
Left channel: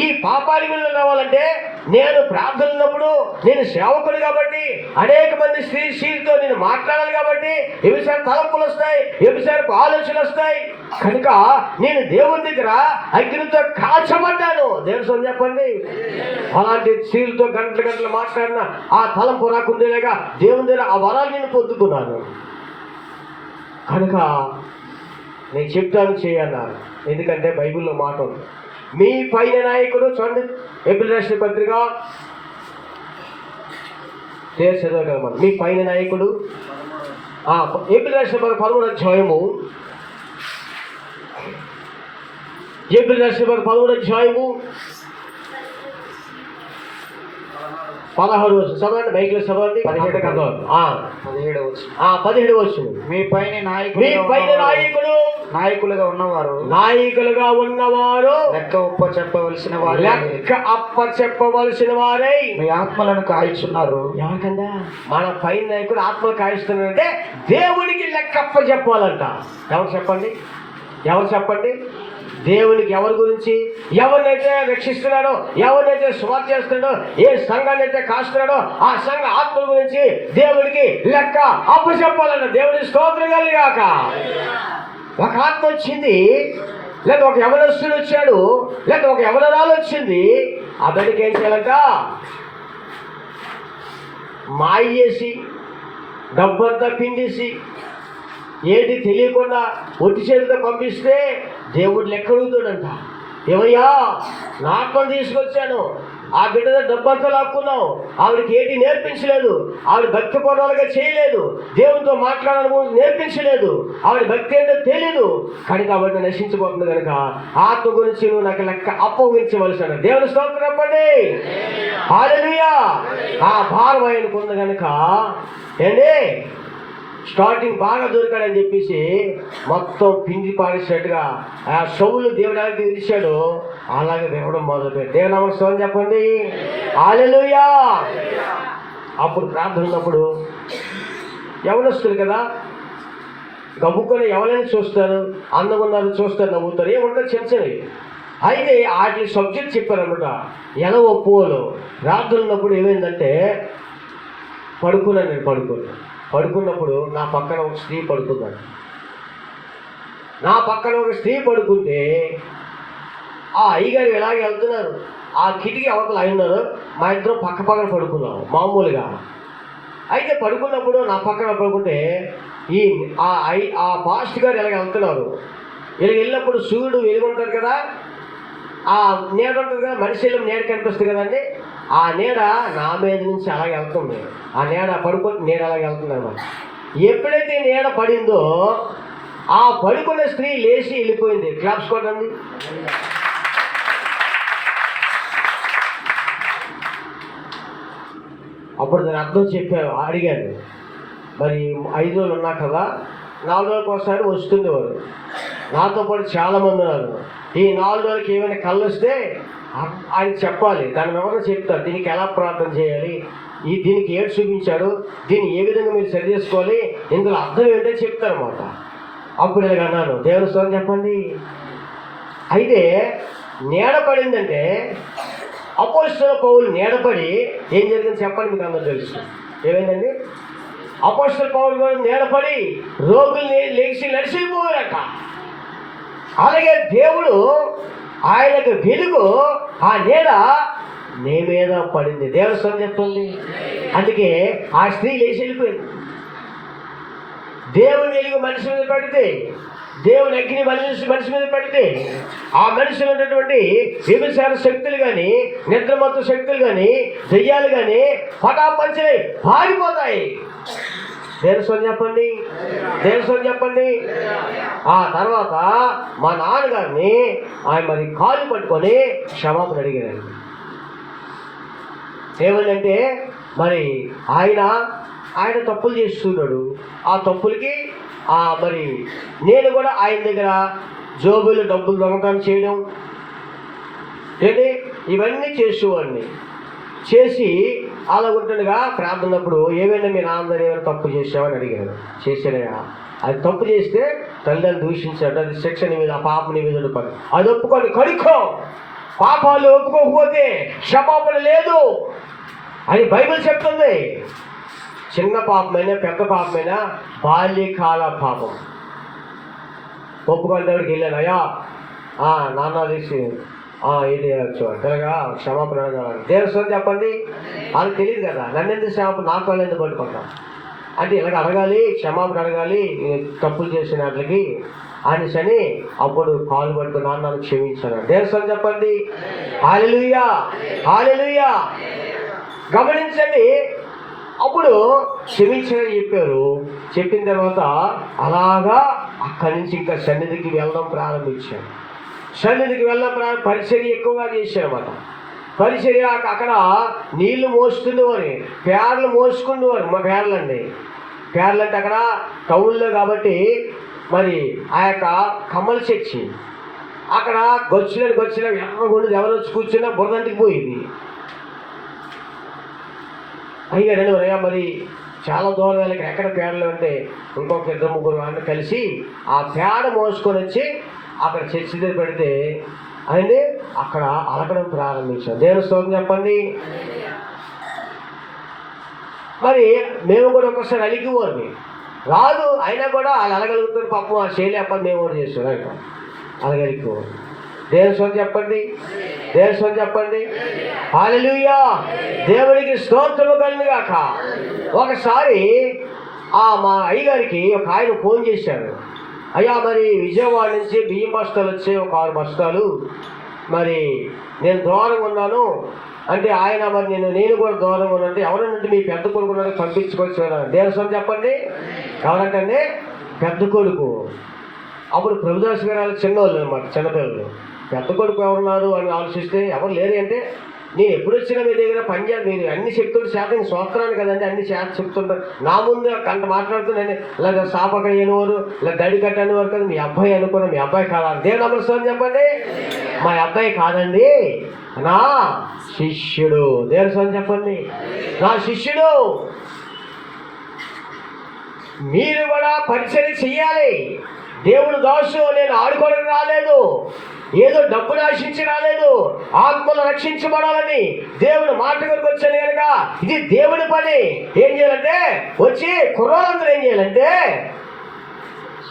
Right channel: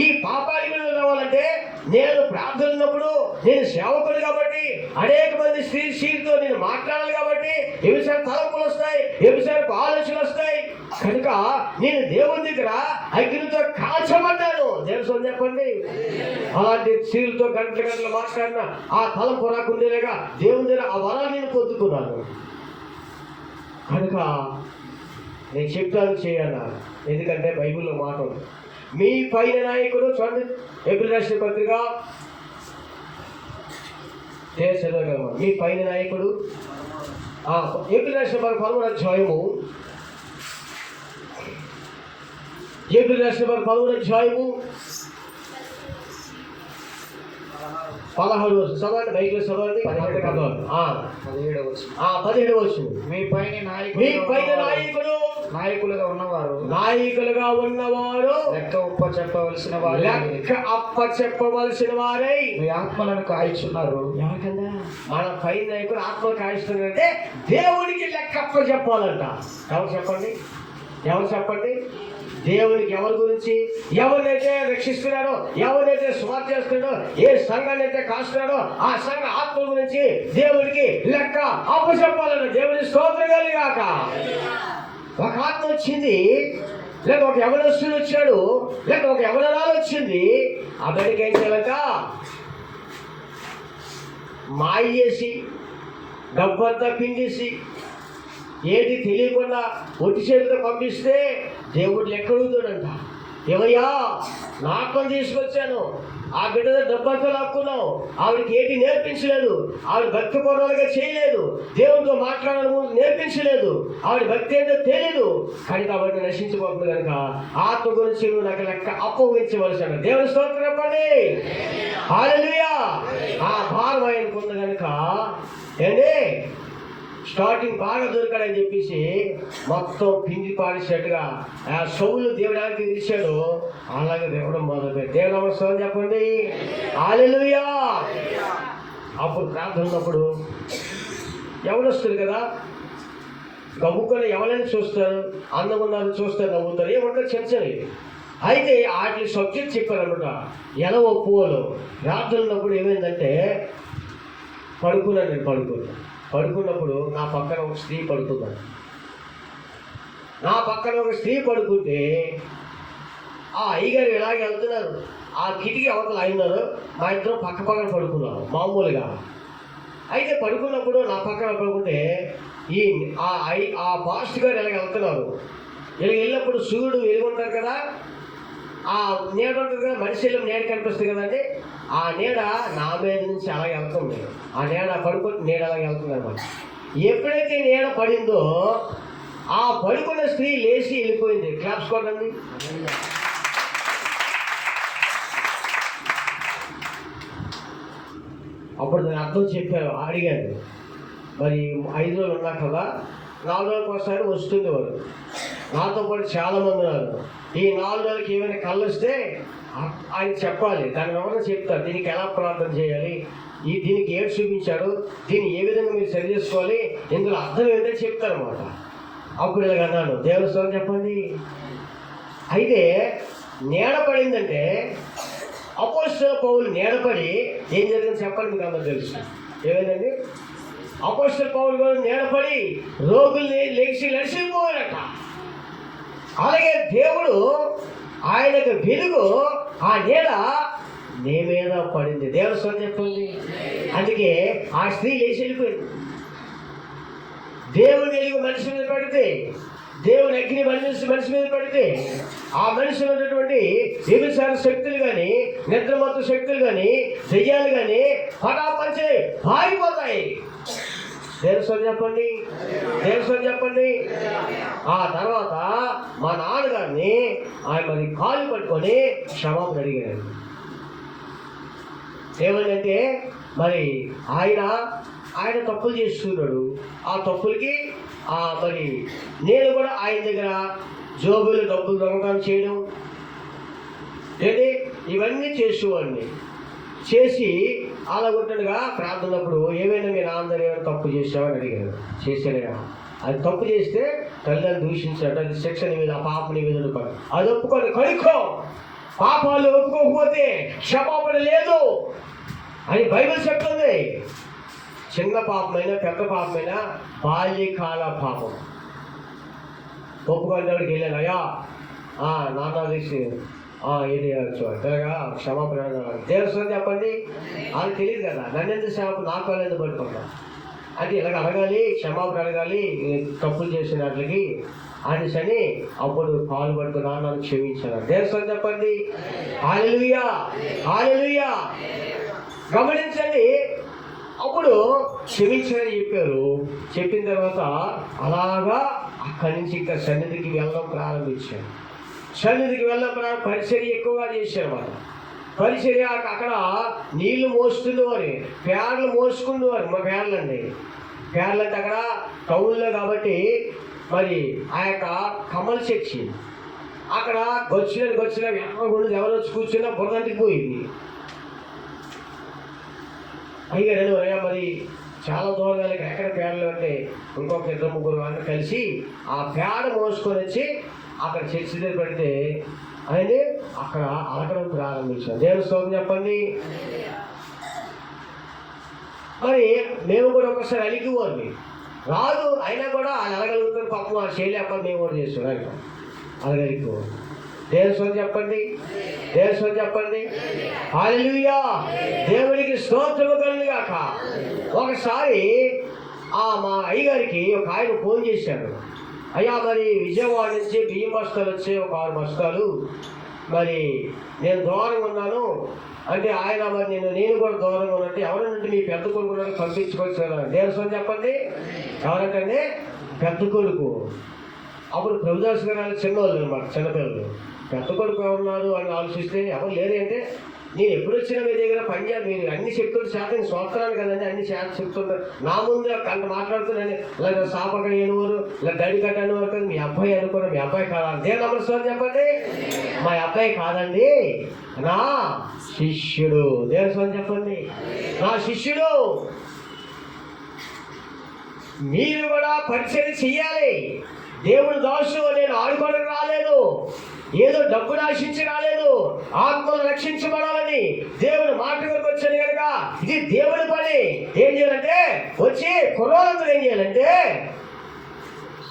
ఈ పాపానికి విడుదల రావాలంటే నేను ప్రార్థన ఉన్నప్పుడు, నేను సేవకుడు కాబట్టి అనేక మంది స్త్రీలతో నేను మాట్లాడాలి కాబట్టి వ్యభిచార తలంపులు వస్తాయి, వ్యభిచారపు ఆలోచనలు వస్తాయి. కనుక నేను దేవుని దగ్గర అగ్నితో కాల్చబడ్డాను. దేవుని చెప్పండి, అలాంటి స్త్రీలతో గంటలు మాట్లాడిన ఆ తలంపు రాకుండేలాగా దేవుని దగ్గర ఆ వరాలు నేను పొందుకున్నాను. కనుక నేను చెప్తాను చేయన్నాను. ఎందుకంటే బైబిల్లో మాట ఉంది, మీ పైన నాయకుడు. చూడండి, ఏప్రిల్ రాసిన పత్రిక చదవ కదా, మీ పైన నాయకుడు. ఏప్రిల్ రాసిన 13వ అధ్యాయము, ఏప్రిల్ రాసిన 13వ అధ్యాయము 16 వచ్చు. చదవండి, బైక్లో చదవండి. 17 వచ్చు. మీ పైన నాయకుడు నాయకులుగా ఉన్నవారు లెక్క చెప్పవలసిన వారై మీ ఆత్మలను కాయిస్తున్నారు. ఎవరికందా? మన పైన నాయకుడు ఆత్మలు కాయిస్తున్నారంటే దేవుడికి లెక్క అప్ప చెప్పాలంట. ఎవరు చెప్పండి, ఎవరు చెప్పండి? దేవునికి ఎవరి గురించి, ఎవరినైతే రక్షిస్తున్నాడో, ఎవరినైతే స్వార్థ చేస్తున్నాడో, ఏ సంఘాన్ని అయితే కాస్తున్నాడో ఆ సంఘ ఆత్మ గురించి దేవుడికి లెక్క అప్ప చెప్పాలంట. దేవుడి స్తోత్రం కలిగాక. ఒక ఆత్మ వచ్చింది, లేదా ఒక యవనస్తుడు వచ్చాడు, లేదా ఒక యవనరాలు వచ్చింది. ఆ బిడ్డకి ఏం చేయాలంట? మాయ చేసి డబ్బంతా పిండేసి ఏది తెలియకుండా ఒట్టి చేతితో పంపిస్తే దేవుడు లెక్క అడుగుతాడంట. ఏమయ్యా, నా ఆత్మను తీసుకొచ్చాను, ఆ బిడ్డ డబ్బంతా లాక్కున్నావు, ఆవిడకి ఏంటి నేర్పించలేదు, ఆవిడ భక్తి పూర్వకంగా చేయలేదు, దేవునితో మాట్లాడాలని నేర్పించలేదు, ఆవిడ భక్తి ఏంటో తెలియదు, కానీ కాబట్టి నశించిపోతుంది. కనుక ఆత్మ గురించి నువ్వు నాకు లెక్క అప్పగించవలసిన. దేవుని స్తోత్రం చెప్పండి. హల్లెలూయా. ఆ భారం ఆయనకు ఉంది కనుక ఏంటి, స్టార్టింగ్ బాగా దొరికాడని చెప్పేసి మొత్తం పిండి పాడేసినట్టుగా ఆ సౌలు దేవుడానికి తెలిసాడు, అలాగే దేవుడు మొదలుపెట్టాడు. దేవుని నమస్కారం చెప్పండి. హల్లెలూయా. అప్పుడు ప్రార్థన ఉన్నప్పుడు ఎవరొస్తారు కదా, గబుక్కొని ఎవరైనా చూస్తారు, అందంగా ఉన్నారు చూస్తారు, నవ్వుతారు, ఏముంటారు చెంచని. అయితే వాటి సబ్జెక్ట్ చెప్పారనమాట. ఎలా ఒప్పుకోలు ప్రార్థన ఉన్నప్పుడు ఏమైందంటే, పడుకున్నప్పుడు నా పక్కన ఒక స్త్రీ పడుకున్నాడు. నా పక్కన ఒక స్త్రీ పడుకుంటే ఆ అయ్యగారు ఇలాగే వెళ్తున్నారు, ఆ కిటికీ అవతల అయినారు, మా ఇద్దరం పక్కన పడుకున్నాం మామూలుగా. అయితే పడుకున్నప్పుడు నా పక్కన పడుకుంటే ఆ పాస్ట్ గారు ఇలాగ వెళ్తున్నారు. ఇలా వెళ్ళినప్పుడు సూర్యుడు వెలుగుంటారు కదా, ఆ నీడ ఉంటుంది కదా, మనిషి నీడ కనిపిస్తుంది కదండి, ఆ నీడ నా మీద నుంచి అలాగే వెళ్తుంది. ఆ నీడ పడుకుంటే నీడ అలాగే వెళ్తుంది అన్నమాట. ఎప్పుడైతే నీడ పడిందో ఆ పడుకున్న స్త్రీ లేచి వెళ్ళిపోయింది. క్లాప్స్ కొట్టండి. అప్పుడు దాని అర్థం చెప్పారు, అడిగాను, మరి 5 రోజులు ఉన్నా కదా, 4 రోజులకు ఒకసారి వస్తుంది వారు, నాతో పాటు చాలామంది ఉన్నారు. ఈ 4 రోజులకి ఏమైనా కళ్ళు వస్తే ఆయన చెప్పాలి, దాని ఎవరో చెప్తారు, దీనికి ఎలా ప్రార్థన చేయాలి, దీనికి ఏడు చూపించాడు, దీన్ని ఏ విధంగా మీరు సరి చేసుకోవాలి, ఇందులో అర్థం ఏంటో చెప్తారన్నమాట. అప్పుడు ఇలాగ అన్నాను, దేవుని స్తోత్రం చెప్పండి. అయితే నీడ పడిందంటే అపోస్తలుల పౌలు నీడపడి ఏం జరిగింది చెప్పండి, మీకు అందరూ తెలుసు. ఏమైందండి? అపోస్తలుల పౌలు కూడా నీడపడి రోగుల్ని లేచి నడిచిపోయారట. అలాగే దేవుడు ఆయనకు వెలుగు, ఆ నీడ నీ మీద పడింది. దేవుని స్వరం చెప్తుంది. అందుకే ఆ స్త్రీ లేచి వెళ్ళిపోయింది. దేవుని వెలుగు మనిషి మీద పడితే, దేవుని అగ్ని మనిషి మీద పడితే, ఆ మనిషిలో ఉన్నటువంటి వ్యభిచార శక్తులు కానీ, నిద్రమత్తు శక్తులు కానీ, దెయ్యాలు కానీ పటాపంచే పారిపోతాయి. దేవుని స్వరం చెప్పండి. దేవుని స్వరం చెప్పండి. ఆ తర్వాత మా నాన్నగారిని ఆయన మరి కాలు పట్టుకొని క్షమాపణ అడిగారు. ఏమనంటే మరి ఆయన తప్పులు చేస్తున్నాడు. ఆ తప్పులకి మరి నేను కూడా ఆయన దగ్గర జోబులు డబ్బులు దొంగతనం చేయడం ఏంటి ఇవన్నీ చేసేవాడిని. చేసి అలా ఉంటుండగా ప్రార్థనప్పుడు ఏమైనా మీ నాన్నగారు ఏమైనా తప్పు చేసావని అడిగారు. చేశానయా. అది తప్పు చేస్తే తల్లిదండ్రులు దూషించాడు. అది శిక్షణ మీద ఆ పాపని మీద ఉండిపోయి అది ఒప్పుకొని కడుక్కో. పాపాలు ఒప్పుకోకపోతే క్షమాపణ లేదు అని బైబిల్ చెప్తుంది. చిన్న పాపమైనా పెద్ద పాపమైనా బాల్యకాల పాపం ఒప్పుకునేవాడికి వెళ్ళాను. అయ్యా నాన్న తీసి ఏది తెలగా క్షమాపణ దేవుని చెప్పండి. అది తెలియదు కదా. నన్ను ఎందుకు క్షమాపణ నాకు వాళ్ళు ఎందుకు పట్టుకుంటాం అంటే ఇలాగ అడగాలి, క్షమాపణ అడగాలి తప్పులు చేసిన వాటికి అనేసని అప్పుడు కాలు పట్టుకుని నాన్న క్షమించాను. దేవుని చెప్పండి. హల్లెలూయా, హల్లెలూయా. గమనించండి. అప్పుడు క్షమించని చెప్పారు. చెప్పిన తర్వాత అలాగా అక్కడి నుంచి ఇంకా సన్నిధికి వెళ్ళడం ప్రారంభించాను. సన్నిధికి వెళ్ళడం పరిచర్య ఎక్కువగా చేసేవారు. పరిచర్య అక్కడ నీళ్లు మోస్తుండేవారు, పేర్లు మోసుకునేవారు. మా పేర్లు అండి, పేర్లు అంటే అక్కడ టౌన్లో కాబట్టి మరి ఆ యొక్క కమల చర్చి అక్కడ గొచ్చిన ఎర్రగొండది ఎవరు వచ్చి కూర్చున్నా బురదంటికి పోయింది. అయ్యాడని మరి చాలా దూరం వెళ్ళి ఎక్కడ పేడలు అంటే ఇంకొక 2-3 వాళ్ళు కలిసి ఆ పేడ మోసుకొని వచ్చి అక్కడ చర్చి దగ్గర పెడితే అనేది అక్కడ అలకడం ప్రారంభించాం. దేవుని స్తోత్రం చెప్పండి. మరి మేము కూడా ఒకసారి అలిగిపోండి రాదు అయినా కూడా వాళ్ళు అలగలుగుతారు. పాపం ఆ చేయలేపని మేము కూడా చేస్తున్నాం. అలగలిపో. దేవుని స్తోత్రం చెప్పండి. దేవుని స్తోత్రం చెప్పండి. హల్లెలూయా. దేవునికి స్తోత్రము కలుగును గాక. ఒకసారి మా అయ్యగారికి ఒక ఆయన ఫోన్ చేశాడు. అయ్యా మరి విజయవాడ నుంచి బియ్యం బస్తాలు వచ్చే ఒక 6 బస్తాలు మరి నేను దూరంగా ఉన్నాను అంటే ఆయన మరి నేను కూడా దూరంగా ఉన్నానంటే ఎవరంటే మీ పెద్ద కొడుకు పంపించుకోవచ్చు. దేవుని స్తోత్రం చెప్పండి. ఎవరంటే పెద్ద కొడుకు. అప్పుడు ప్రభుదాస్ గారు చిన్నవాళ్ళు అనమాట, చిన్నపిల్లలు. పెద్ద కొడుకు ఎవరున్నారు అని ఆలోచిస్తే ఎవరు లేరు. అంటే నేను ఎప్పుడు వచ్చినా మీ దగ్గర పనిచేయాలి, మీరు అన్ని చెప్తుంటే శాతం స్వత్రాన్ని కదండి అన్ని శాతం చెప్తుంటారు. నా ముందు అంత మాట్లాడుతున్నాను ఇలా సాపక అయినవారు ఇలా గడి కట్టనివారు కదా మీ అబ్బాయి అనుకున్నా. మీ అబ్బాయి కాదా? దేవుని నమస్కారం చెప్పండి. మా అబ్బాయి కాదండి, నా శిష్యుడు. దేవుని స్వామి చెప్పండి. నా శిష్యుడు. మీరు కూడా పరిచయం చెయ్యాలి. దేవుడు దాసు నేను ఆడుకోవడానికి రాలేదు, ఏదో డబ్బును ఆశించి రాలేదు, ఆత్మలు రక్షించబడాలని దేవుడు మాట కొరకు వచ్చాను కనుక ఇది దేవుడి పని. ఏం చేయాలంటే వచ్చి కుర్రోళ్ళందరూ ఏం చేయాలంటే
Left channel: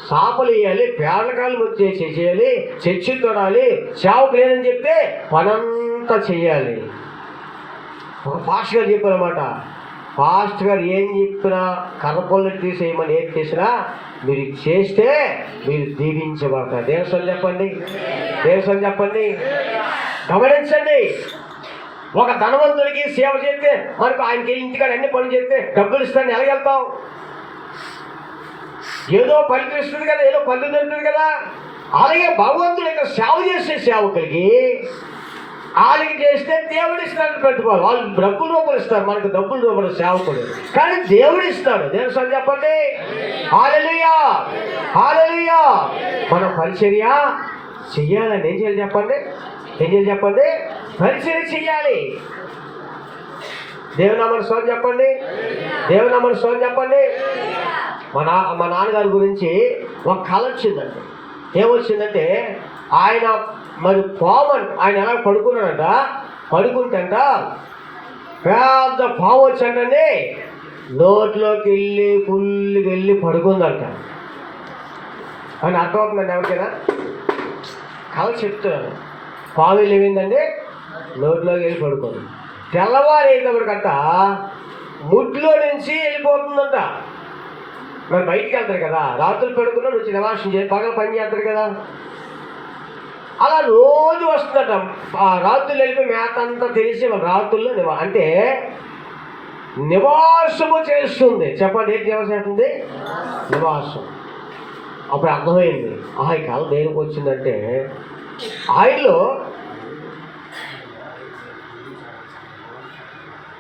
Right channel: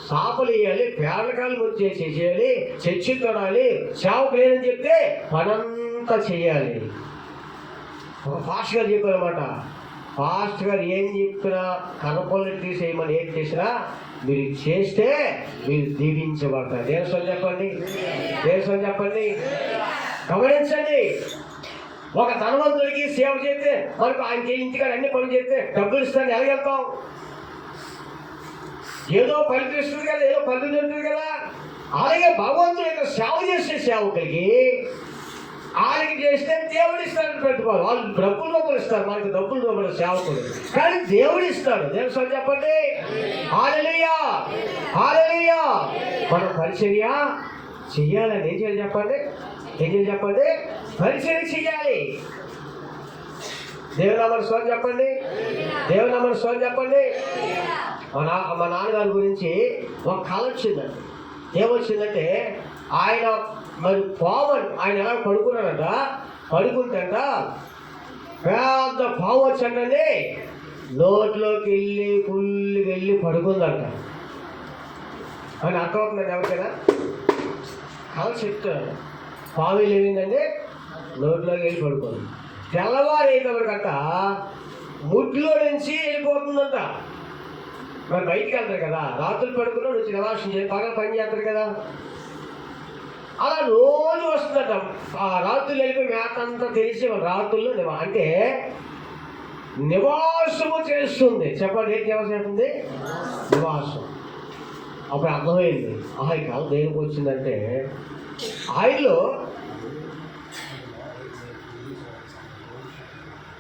సాపలు వేయాలి, పేడకాలు వచ్చేసి చేయాలి, చర్చిలు తోడాలి, సేవకు లేదని చెప్తే పనంతా చెయ్యాలి. ఒక పాస్టర్ గారు చెప్పారన్నమాట. పాస్టర్ గారు ఏం చెప్పినా కర్రపొల్లు తీసేయమని ఏం చేసినా మీరు చేస్తే మీరు దీవించబడతారు. దేవుని చెప్పండి. దేవుని చెప్పండి. గమనించండి. ఒక ధనవంతుడికి సేవ చేస్తే మనకు ఆయనకి ఇంటికాడ అన్ని పనులు చేస్తే డబ్బులు ఇస్తాను ఎలాగెళ్తాం? ఏదో ఫలితం ఇస్తుంది కదా, ఏదో ఫలితం దొరుకుతుంది కదా. అలాగే భగవంతుడి యొక్క సేవ చేసే సేవకులకి వాళ్ళకి చేస్తే దేవుడు ఇస్తాడు. పెట్టుకోవాలి వాళ్ళు డబ్బులు రూపాయలు ఇస్తారు, మనకు డబ్బులు రూపాయలు సేవకుడు కానీ దేవుడు ఇస్తాడు. దేవుని స్వామి చెప్పండి. హల్లెలూయా, హల్లెలూయా. మనం పరిచర్య చెయ్యాలండి. ఏం చేయాలి చెప్పండి? ఏం చేయాలి చెప్పండి? పరిచర్య చెయ్యాలి. దేవుని నామమున స్వామి చెప్పండి. దేవుని నామమున స్వామి చెప్పండి. మా నాన్నగారి గురించి ఒక కళ వచ్చిందండి. ఏమొచ్చిందంటే ఆయన మరి పాము ఆయన ఎలా పడుకున్నాడంట. పడుకుంటంట పెద్ద పాము వచ్చాడండి నోట్లోకి వెళ్ళి ఫుల్గా వెళ్ళి పడుకుందంట అని అర్థమవుతుందండి ఎవరికైనా? కళ చెప్తున్నాను. పాము వెళ్ళిందండి నోట్లోకి వెళ్ళి పడుకోండి. తెల్లవారు అయినప్పటికంట ముడ్లో నుంచి వెళ్ళిపోతుందంట. మరి బయటికి వెళ్తారు కదా, రాత్రులు పడుకున్నాడు వచ్చి నివాసం చేసి పగలు పని చేస్తారు కదా, అలా రోజు వస్తుందట. ఆ రాత్రులు వెళ్ళిపోయి మేత అంతా తెలిసి రాత్రుల్లో అంటే నివాసము చేస్తుంది. చెప్పండి, ఏంటి నివాసం చేస్తుంది? నివాసం. అప్పుడు అర్థమైంది, ఈ కాలం దేనికి వచ్చిందంటే ఆయనలో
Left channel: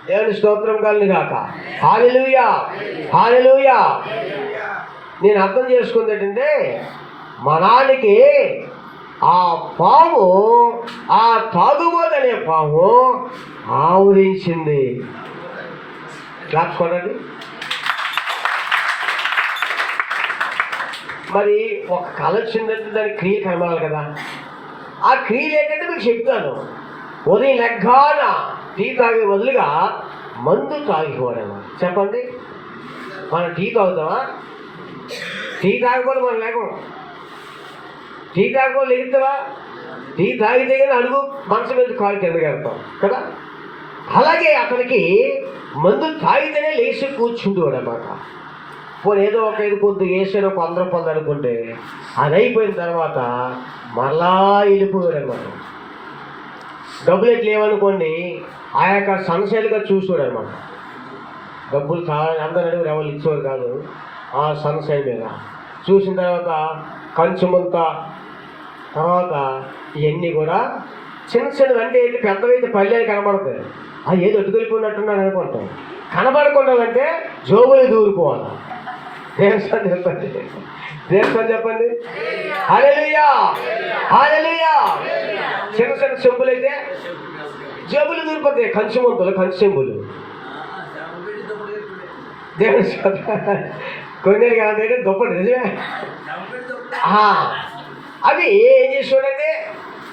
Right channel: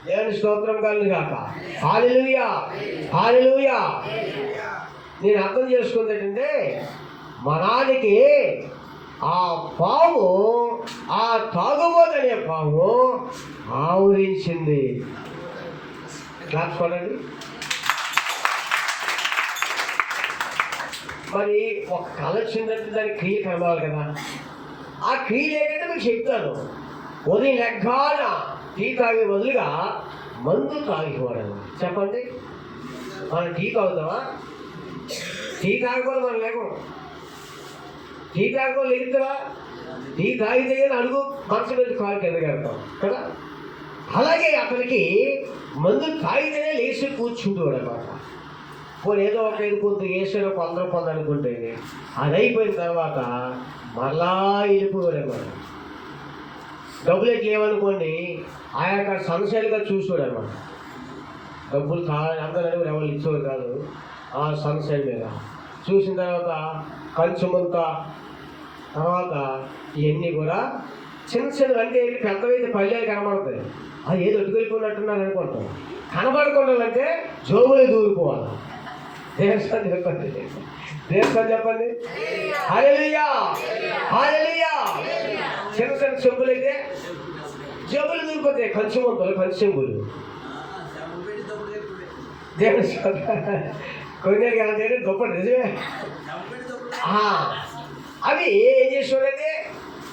దేవుని స్తోత్రం కలుగును గాక. హల్లెలూయా, హల్లెలూయా. నేను అర్థం చేసుకుంది ఏంటంటే మనానికి ఆ పాము, ఆ తాగుబోతనే పాము ఆవరించింది. క్లాస్ కొనండి. మరి ఒక కళ వచ్చిందంటే దానికి క్రియ కనబడాలి కదా. ఆ క్రియలు ఏంటంటే మీకు చెప్తాను. ఉదయం లెగ్గాన టీ తాగే బదులుగా మందు తాగిపోవడం. చెప్పండి, మనం టీ తాగుతామా? టీ తాగకపోతే మనం లేకం. టీ తాగకపోతే లేగుతావా? టీ తాగితే కానీ అడుగు మనసు మీద కాలు కింద వెళ్తాం కదా. అలాగే అతనికి మందు తాగితేనే లేచి కూర్చుంటేవాడు అన్నమాట. పోనీ ఏదో ఒక ఐదు పొద్దు వేసాడు, ఒక 100 రూపాయలు అనుకుంటే అది అయిపోయిన తర్వాత మళ్ళా వెళ్ళిపోయాడు అన్నమాట. డబ్బులు ఎట్లా లేవనుకోండి, ఆ యొక్క సంశయాలుగా చూసాడు అనమాట. డబ్బులు చాలా అందరూ అడుగురు, ఎవరు ఇచ్చేవారు కాదు. ఆ సంశయం మీద చూసిన తర్వాత కంచుమంత తర్వాత ఇవన్నీ కూడా చిన్న చిన్న అంటే ఏంటి, పెద్దవైతే పల్లెలు కనబడతాయి. ఏదో అటుకెళ్ళిపోయినట్టున్నాను అనుకుంటాం. కనబడకుండా జోబులు దూరిపోవాలి. దేవస్థానం చెప్పండి, దేవస్థానం చెప్పండి. హల్లెలూయా, హల్లెలూయా. చిన్న చిన్న చెంబులు అయితే జబ్బులు దూరిపోతాయి. కంచుమంతులు, కంచు చెంబులు. దేవస్థానం కొన్ని కాదంటే దుప్పటి నిజమే. అవి ఏం చేసేవాడంటే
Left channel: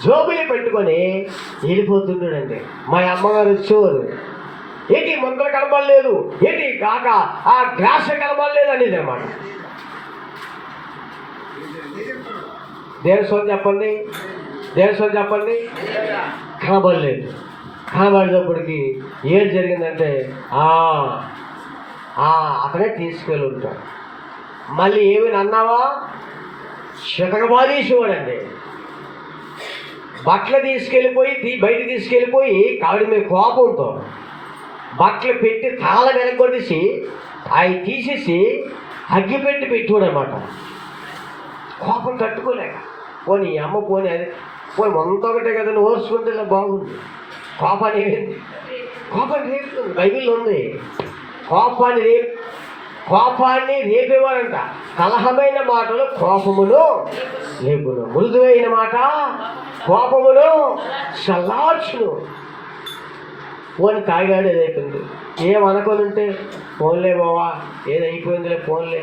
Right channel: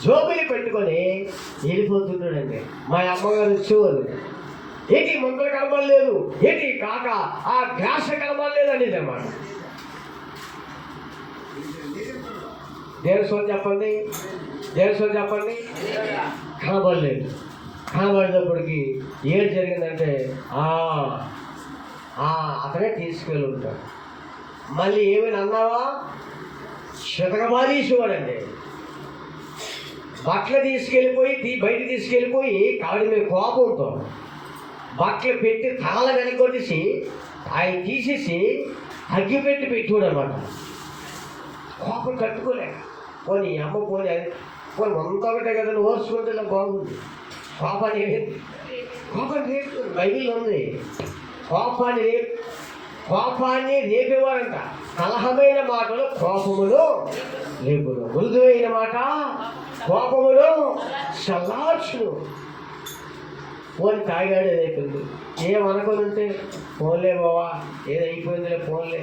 జోబులు పెట్టుకొని వెళ్ళిపోతుంటాడండి. మా అమ్మగారు వచ్చేవారు, ఏంటి మందులు కనబడలేదు, ఏంటి కాక ఆ గ్లాస్ కనబడలేదు అనేది అన్నమాట. దేవస్వామి చెప్పండి, దేవస్వామి చెప్పండి. కనబడలేదు. కనబడేటప్పటికి ఏం జరిగిందంటే అతనే తీసుకెళ్ళి ఉంటాడు. మళ్ళీ ఏమైనా అన్నావా శతకబాదీసేవాడండి. బట్టలు తీసుకెళ్ళిపోయి బయట తీసుకెళ్ళిపోయి కావిడి మీద కోపంతో బట్టలు పెట్టి తాళ వెనకొట్టేసి అవి తీసేసి అగ్గి పెట్టేవాడు అన్నమాట. కోపం తట్టుకోలేక పోనీ అమ్మ పోనీ అది పోనీ వంత ఒకటే కదండి, ఓర్చుకుంటే బాగుంది. కోపాన్ని రేపుతుంది, బైబిల్లో ఉంది. కోపాన్ని రేపేవారంట. కలహమైన మాటలు కోపమును రేపును, మృదువైన మాట కోపమును చల్లార్చును. పోనీ తాగాడే రేపింది. ఏమనుకొని ఉంటే ఫోన్లే బావా, ఏదైపోయిందిలే ఫోన్లే,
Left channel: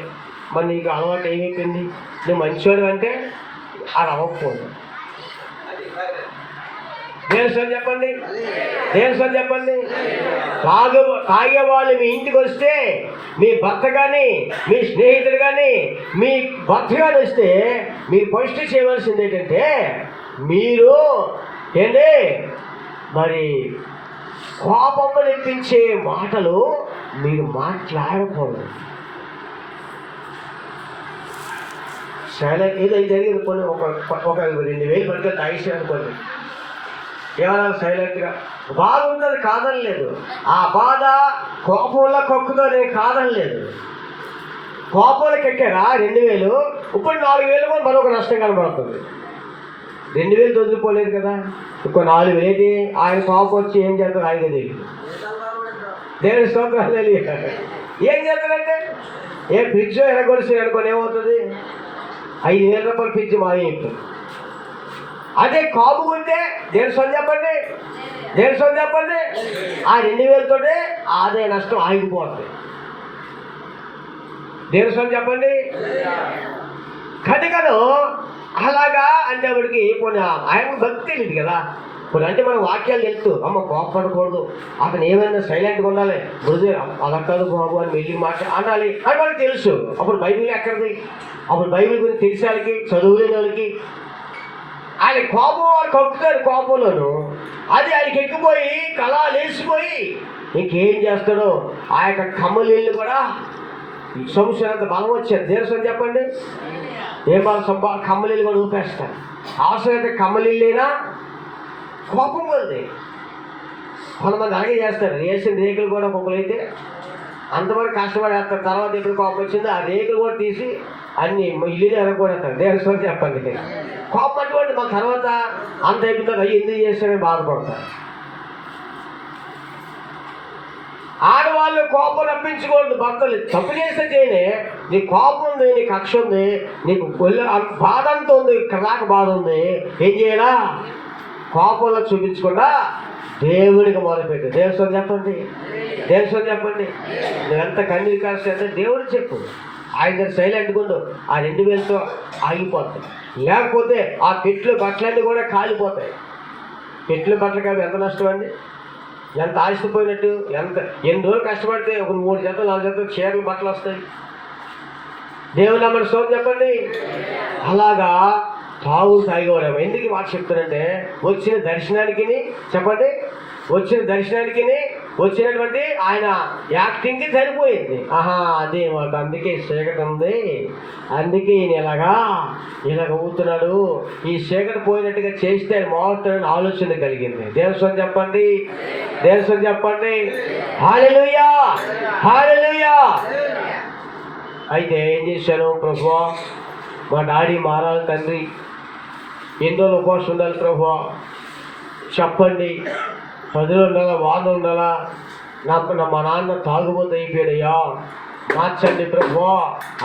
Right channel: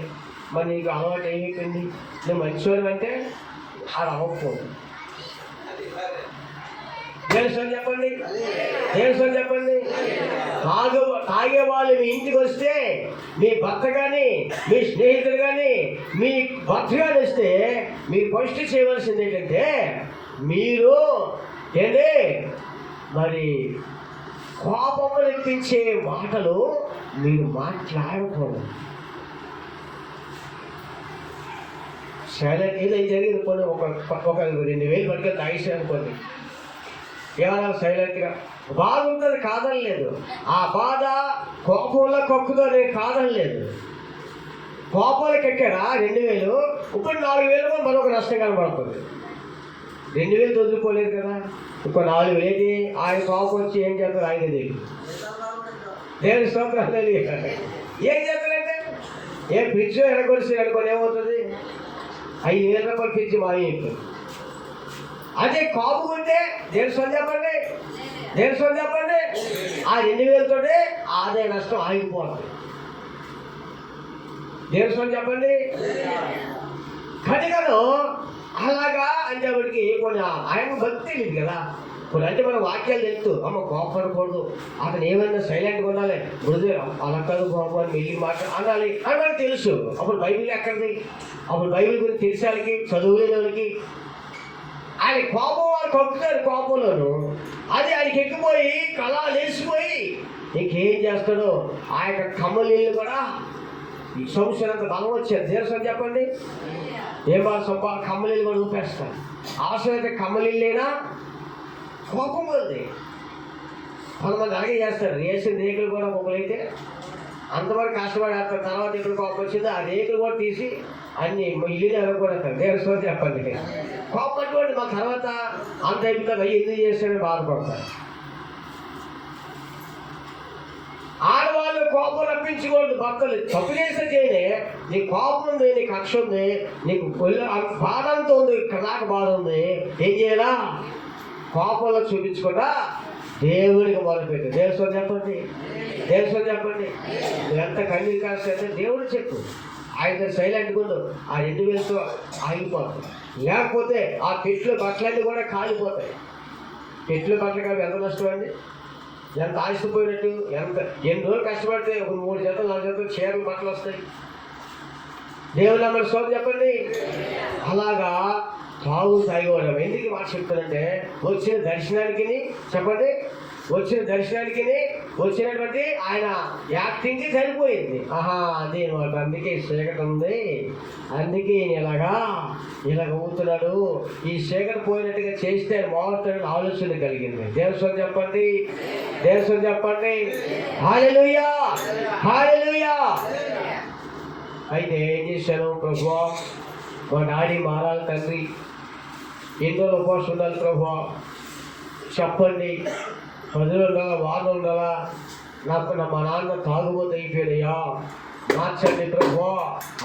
మరి నీకు అలవాటు ఏమైపోయింది, నువ్వు మంచివాడు అంటే అది అవ్వకపోదు. దేవస్వామి చెప్పండి, దేవస్వామి చెప్పండి. తాగేవాళ్ళు మీ ఇంటికి వస్తే, మీ భర్త కానీ మీ స్నేహితుడు కానీ మీ భర్త కానీ వస్తే మీరు ఫస్ట్ చేయవలసింది ఏంటంటే మీరు ఏంటి మరి కోపము నెప్పించే మాటలు మీరు మాట్లాడకూడదు. సరే ఏదైతే జరిగింది కొన్ని ఒక 2000 పడితే తాగేసి అనుకోండి, ఏమన్నా సైలెంట్గా బాగుంటుంది కాదని లేదు. ఆ బాధ కోపంలో కొక్కుతో నేను కాదని లేదు. కోపంలోకి ఎక్కారా 2000, ఇప్పుడు 4000 కూడా మరొక నష్టం కనబడుతుంది. 2000 వదిలిపోలేదు కదా, ఇంకో 4000 ఏంటి ఆయన కోపం వచ్చి ఏం చేస్తారు ఆయన తెలియదు. దేవుని స్తోత్రం తెలియదు. ఏం చేస్తారంటే ఫ్రిడ్జ్ ఎనగొలిసి అనుకోని ఏమవుతుంది, 5000 రూపాయలు ఫ్రిడ్జ్ మానేస్తుంది. అదే కాపు ఉంటే దేవస్వామి చెప్పండి, దేవస్వామి చెప్పండి, ఆ 2000తోటే అదే నష్టం ఆగిపోతుంది. దేవస్వామి చెప్పండి. కనుకను అలాగా అంటే వాడికి కొన్ని ఆయన భక్తి తెలియదు కదా. కొన్ని అంటే మనం వాక్యాలు తెలుస్తూ అమ్మ కోపడకూడదు, అతను ఏమైనా సైలెంట్గా ఉండాలి, మృదు అలా కాదు బాబు అని వెళ్ళి మాట అనాలి అని వాళ్ళకి తెలుసు. అప్పుడు బైబిల్ ఎక్కడిది, అప్పుడు బైబిల్ గురించి తెలిసే వాళ్ళకి, చదువులేని వాళ్ళకి ఆయన కోపం వాళ్ళు కక్కుతారు. కోపంలోను అది ఆయనకి ఎక్కిపోయి కళ లేచిపోయి ఇంకేం చేస్తాడో ఆ యొక్క కమ్మలీళ్ళు కూడా ఈ సంవత్సరంత బలం వచ్చారు. దేశం చెప్పండి, ఏ బలం కమ్మలీళ్ళు కూడా ఊపేస్తారు. అవసరమైతే కమ్మలీళ్ళైనా కోపం పోతుంది. కొంతమంది అలాగే చేస్తారు. వేసిన రేకులు కూడా ఒక్కొక్కరైతే అంతవరకు కష్టపడి వేస్తారు. తర్వాత ఎప్పుడు కోపం వచ్చిందో ఆ రేకులు కూడా తీసి అన్ని ఇల్లు ఎరగకూడతారు. దేశం చెప్పండి, కోపం అటువంటి మన తర్వాత అంత అయిపోతారు. అయ్యి ఎందుకు చేస్తాడని బాధపడతారు. ఆడవాళ్ళు కోపం రప్పించకూడదు. భర్తలు తప్పు చేస్తే చేయనే, నీ కోపం ఉంది, నీ కక్ష ఉంది, నీకు బాధ అంతా ఉంది, కలాక బాధ ఉంది, ఏం చేయాలా? కోపంలో చూపించకుండా దేవుడికి మొదలుపెట్టు. దేవస్వం చెప్పండి, దేవస్వం చెప్పండి. నువ్వెంత కన్నీరు కాస్తే దేవుడు చెప్పు. ఆయన సైలెంట్గా ఉండు. ఆ 2 వేలతో ఆగిపోతుంది. లేకపోతే ఆ పెట్లు బట్టలన్నీ కూడా కాలిపోతాయి. పెట్లు బట్టలు కాదు ఎంత నష్టం అండి, ఎంత ఆశపోయినట్టు. ఎన్ని రోజులు కష్టపడితే ఒక 3 జతలు 4 జతలు చీరలు బట్టలు వస్తాయి. దేవుడు నమ్మని సోపు చెప్పండి. అలాగా తాగేవాడు. ఎందుకు మాట చెప్తానంటే వచ్చిన దర్శనానికి చెప్పండి, వచ్చిన దర్శనానికి వచ్చినటువంటి ఆయన యాక్టింగ్కి సరిపోయింది. అదే మాకు అందుకే చీకటి ఉంది, అందుకే ఈయన ఇలాగ ఊతున్నాడు, ఈ చీకటి పోయినట్టుగా చేస్తే ఆయన మారుతాడని ఆలోచన కలిగింది. దేవస్వం చెప్పండి, దేవస్వం చెప్పండి. హల్లెలూయా, హల్లెలూయా. అయితే ఏం చేశాను? ప్రభువా మా డాడీ మారాలి తండ్రి, ఎన్నో ఉపవాసం ఉండాలి ప్రభువా, చెప్పండి. 10 రోజులు ఉండాలా, వారం ఉండాలా, మా నాన్న తాగుబోతు అయిపోయాడయ్యా, మార్చండి ప్రభువా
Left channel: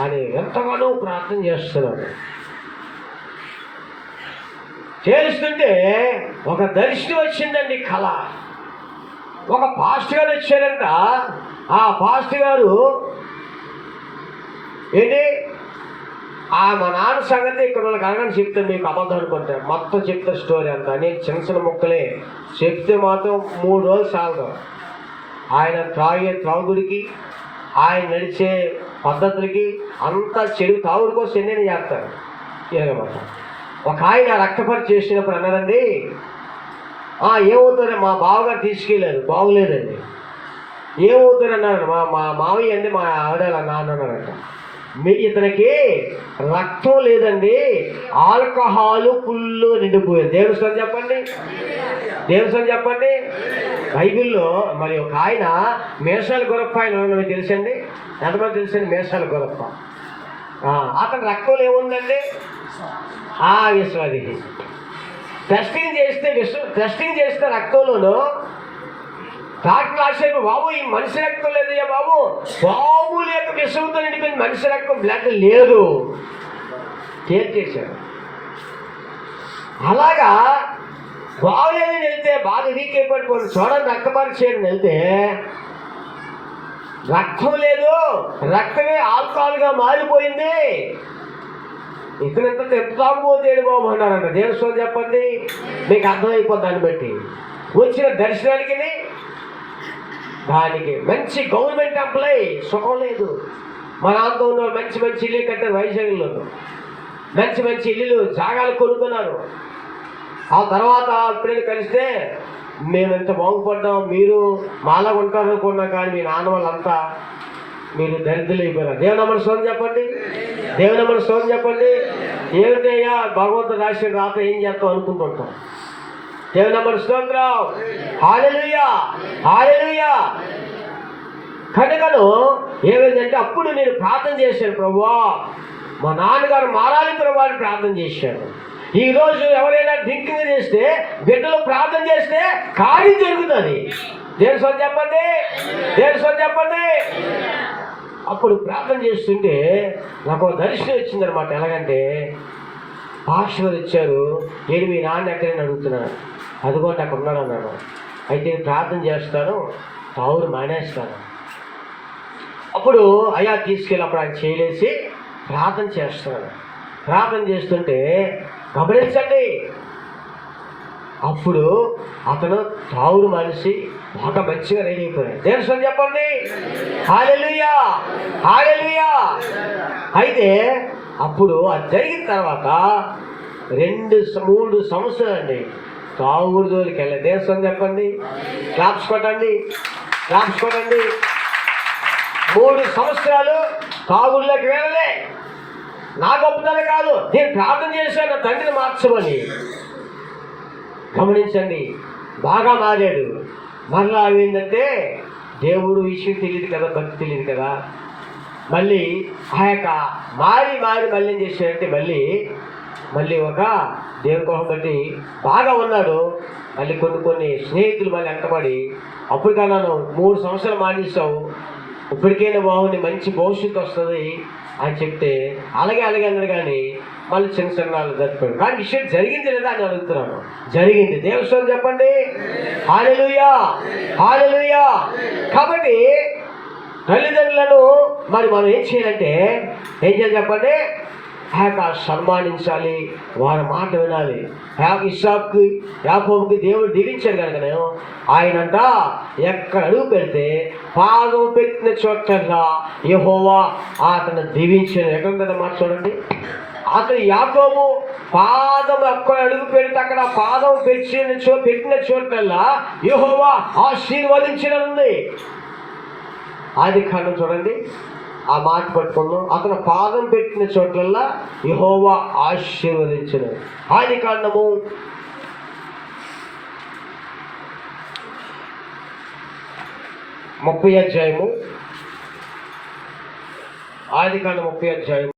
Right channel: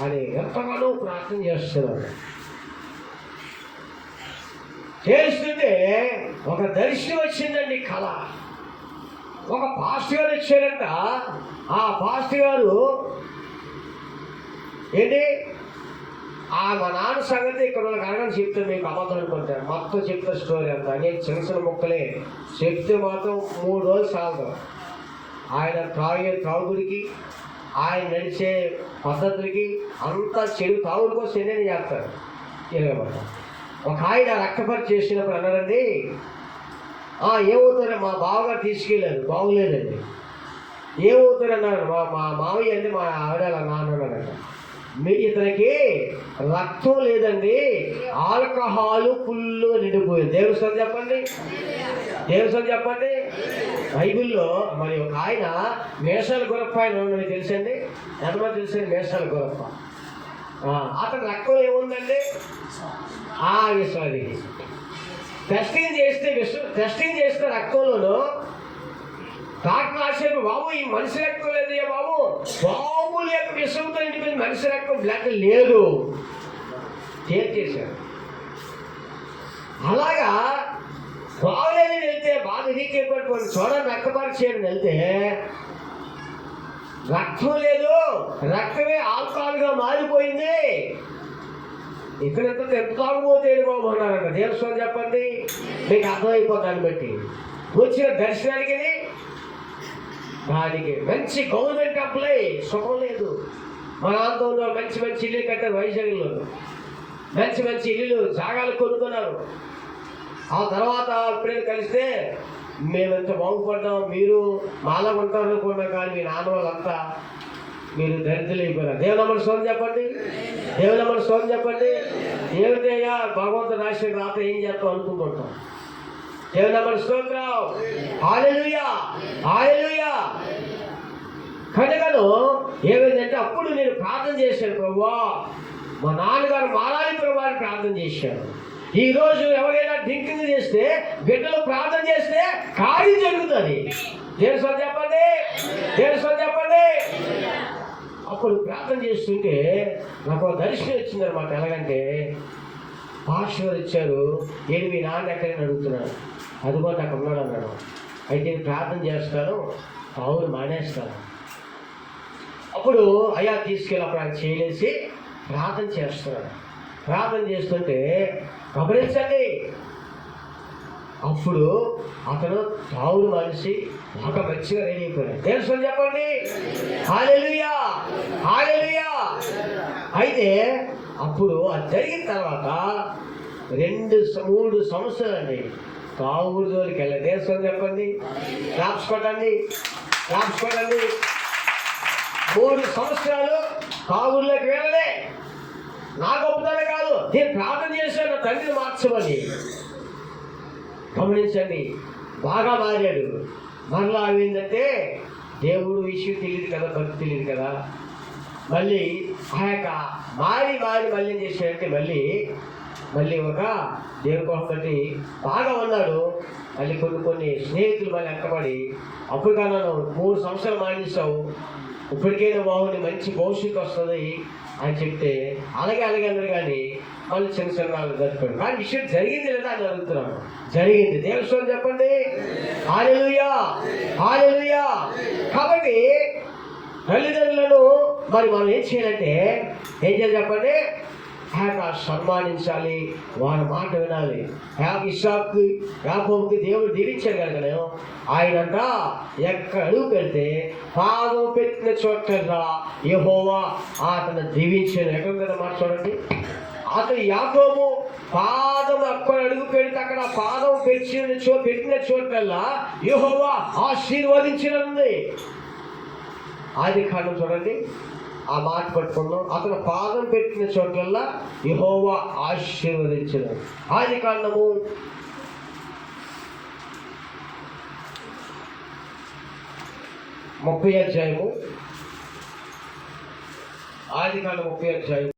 అని ఎంతగానో ప్రార్థన చేస్తున్నాను. చేస్తుంటే ఒక దర్శనం వచ్చిందండి, కళ. ఒక పాస్టర్ గారు వచ్చారంట. ఆ పాస్టర్ గారు ఏంటి, మా నాన్న సంగతి ఇక్కడ వాళ్ళకి అడగని చెప్తాను, మీకు అబద్ధం అనుకుంటాను. మొత్తం చెప్తా స్టోరీ అంతా. నేను చిన్న చిన్న ముక్కలే చెప్తే మాత్రం 3 రోజులు చాలదు. ఆయన త్రాగుడికి, ఆయన నడిచే పద్ధతులకి అంతా చెడు తాగుడు కోసం ఎన్ని చేస్తారు. ఒక ఆయన రక్తపరి చేసినప్పుడు అన్నారండి, ఏమవుతారు మా బావగారు తీసుకెళ్ళారు, బాగులేదండి. ఏమవుతారు అన్నారు. మా మావయ్య అండి, మా ఆవిడ నాన్న అన్నారంట. ఇతనికి రక్తం లేదండి, ఆల్కహాల్ ఫుల్ నిండిపోయింది. దేవస్థానం చెప్పండి, దేవస్థానం చెప్పండి. బైబిల్లో మరి ఒక ఆయన మేషాల గొరప్ప ఆయన తెలుసండి, ఎంతమంది తెలుసండి? మేషాల గొరప్ప. అతని రక్తంలో ఏముందండి? విశ్వాది. టెస్టింగ్ చేస్తే రక్తంలోనూ డాక్టర్ రాశారు, బాబు ఈ మనిషి రక్తం లేదయ్యా బాబు, బాబు లేక విషంతో నిండిపోయింది, మనిషి రక్తం బ్లడ్ లేదు, చేశాడు. అలాగా బాగులేదని వెళ్తే బాగా వీకే పడిపోయింది. చూడండి, రక్తపరిచేయని వెళ్తే రక్తం లేదు, రక్తమే ఆల్కహాల్గా మారిపోయింది. ఇతనింత తాగుబోతేడు బాబు అన్నారంట. దేవస్వం చెప్పండి, మీకు అర్థమైపోతుంది. దాన్ని బట్టి వచ్చిన దర్శనానికి దానికి మంచి గవర్నమెంట్ ఎంప్లాయీ, సుఖం లేదు. మా నాన్నతో ఉన్న మంచి మంచి ఇల్లు కట్టారు, వైజాగ్లో మంచి మంచి ఇల్లులు జాగాలు కొనుక్కున్నారు. ఆ తర్వాత ఎప్పుడైనా కలిస్తే మేము ఎంత బాగుపడ్డాం, మీరు మాలా ఉంటారు అనుకున్నాం, కానీ మీ నాన్న వాళ్ళంతా మీరు దరిద్రులు అయిపోయినారు. దేవునమ్మని సోదం చెప్పండి, దేవునమ్మని సోదం చెప్పండి. ఏమిటయ్యా భగవంతుడు రాసిన రాత ఏం చేస్తాం అనుకుంటుంటాం. దేవునమ్మని స్తోత్రం. హల్లెలూయా, హల్లెలూయా. కనుకను ఏమైందంటే అప్పుడు నేను ప్రార్థన చేశాను, ప్రభువా మా నాన్నగారు మారాలి ప్రభువా అని ప్రార్థన చేశాను. ఈరోజు ఎవరైనా డ్రింకింగ్ చేస్తే, బిడ్డలు ప్రార్థన చేస్తే కార్యం జరుగుతుంది. దేవస్వం చెప్పండి, దేవస్వం చెప్పండి. అప్పుడు ప్రార్థన చేస్తుంటే నాకు దర్శనం వచ్చిందనమాట. ఎలాగంటే పాస్టర్ ఇచ్చారు, ఏడు మీ నాన్న ఎక్కడైనా అడుగుతున్నాను, అదిగోండి అక్కడ ఉన్నాను అన్నాడు. అయితే ప్రార్థన చేస్తాను, తావురు మానేస్తాను. అప్పుడు అయ్యా తీసుకెళ్ళి అప్పుడు ఆయన చేయలేసి ప్రార్థన చేస్తున్నాను. ప్రార్థన చేస్తుంటే గమనించండి, అప్పుడు అతను తావురు మనిషి బాగా మంచిగా రెడీ అయిపోయాడు. దేవస్వం చెప్పండి, హల్లెలూయా, హల్లెలూయా. అయితే అప్పుడు అది జరిగిన తర్వాత 2-3 సంవత్సరాలు అండి తాగుడు జోలికి వెళ్ళండి. దేశం చెప్పండి, క్లాప్స్ కొట్టండి, క్లాప్స్ కొట్టండి. 3 సంవత్సరాలు తాగుడులోకి వెళ్ళలే. నా గొప్పతనం కాదు, నేను ప్రార్థన చేశాను నా తండ్రిని మార్చమని. గమనించండి, బాగా మారాడు. మళ్ళా ఏంటంటే దేవుడు విషయం తెలియదు కదా, భక్తి తెలియదు కదా. మళ్ళీ ఆ యొక్క మారి మళ్ళీ ఏం చేశాడంటే మళ్ళీ ఒక దేవుని కోసం బట్టి బాగా ఉన్నాడు. మళ్ళీ కొన్ని స్నేహితులు మళ్ళీ వెంటబడి, అప్పుడు కన్నాను 3 సంవత్సరాలు మానేసావు, ఇప్పటికైనా బాగుంది, మంచి భవిష్యత్తు వస్తుంది అని చెప్తే అలాగే అన్నాడు. కానీ మళ్ళీ చిన్న వాళ్ళు జరిపాడు. కానీ విషయం జరిగింది లేదా అని అడుగుతున్నాను. జరిగింది. దేవస్థానం చెప్పండి, హల్లెలూయా, హల్లెలూయా. కాబట్టి తల్లిదండ్రులను మరి మనం ఏం చేయాలంటే ఏం చేయాలి చెప్పండి? సన్మానించాలి, వారి మాట వినాలి. ఇస్సాకు యాకోబుకి దేవుడు దీవించాడు కనుక ఆయనంట ఎక్కడ అడుగు పెడితే పాదం పెట్టిన చోటల్లా యెహోవా అతను దీవించాడు. ఎక్కడ మాట చూడండి. అతను యాకోబు పాదం అక్కడ అడుగు పెడితే అక్కడ పాదం పెట్టిన చోటల్లా యెహోవా ఆశీర్వదించినది. ఆదికాండం చూడండి, ఆ మాట పట్టుకున్నాం. అతను పాదం పెట్టిన చోట్లల్లా యెహోవా ఆశీర్వదించును. ఆదికాండము 30 అధ్యాయము. ఆదికాండం 30 అధ్యాయము.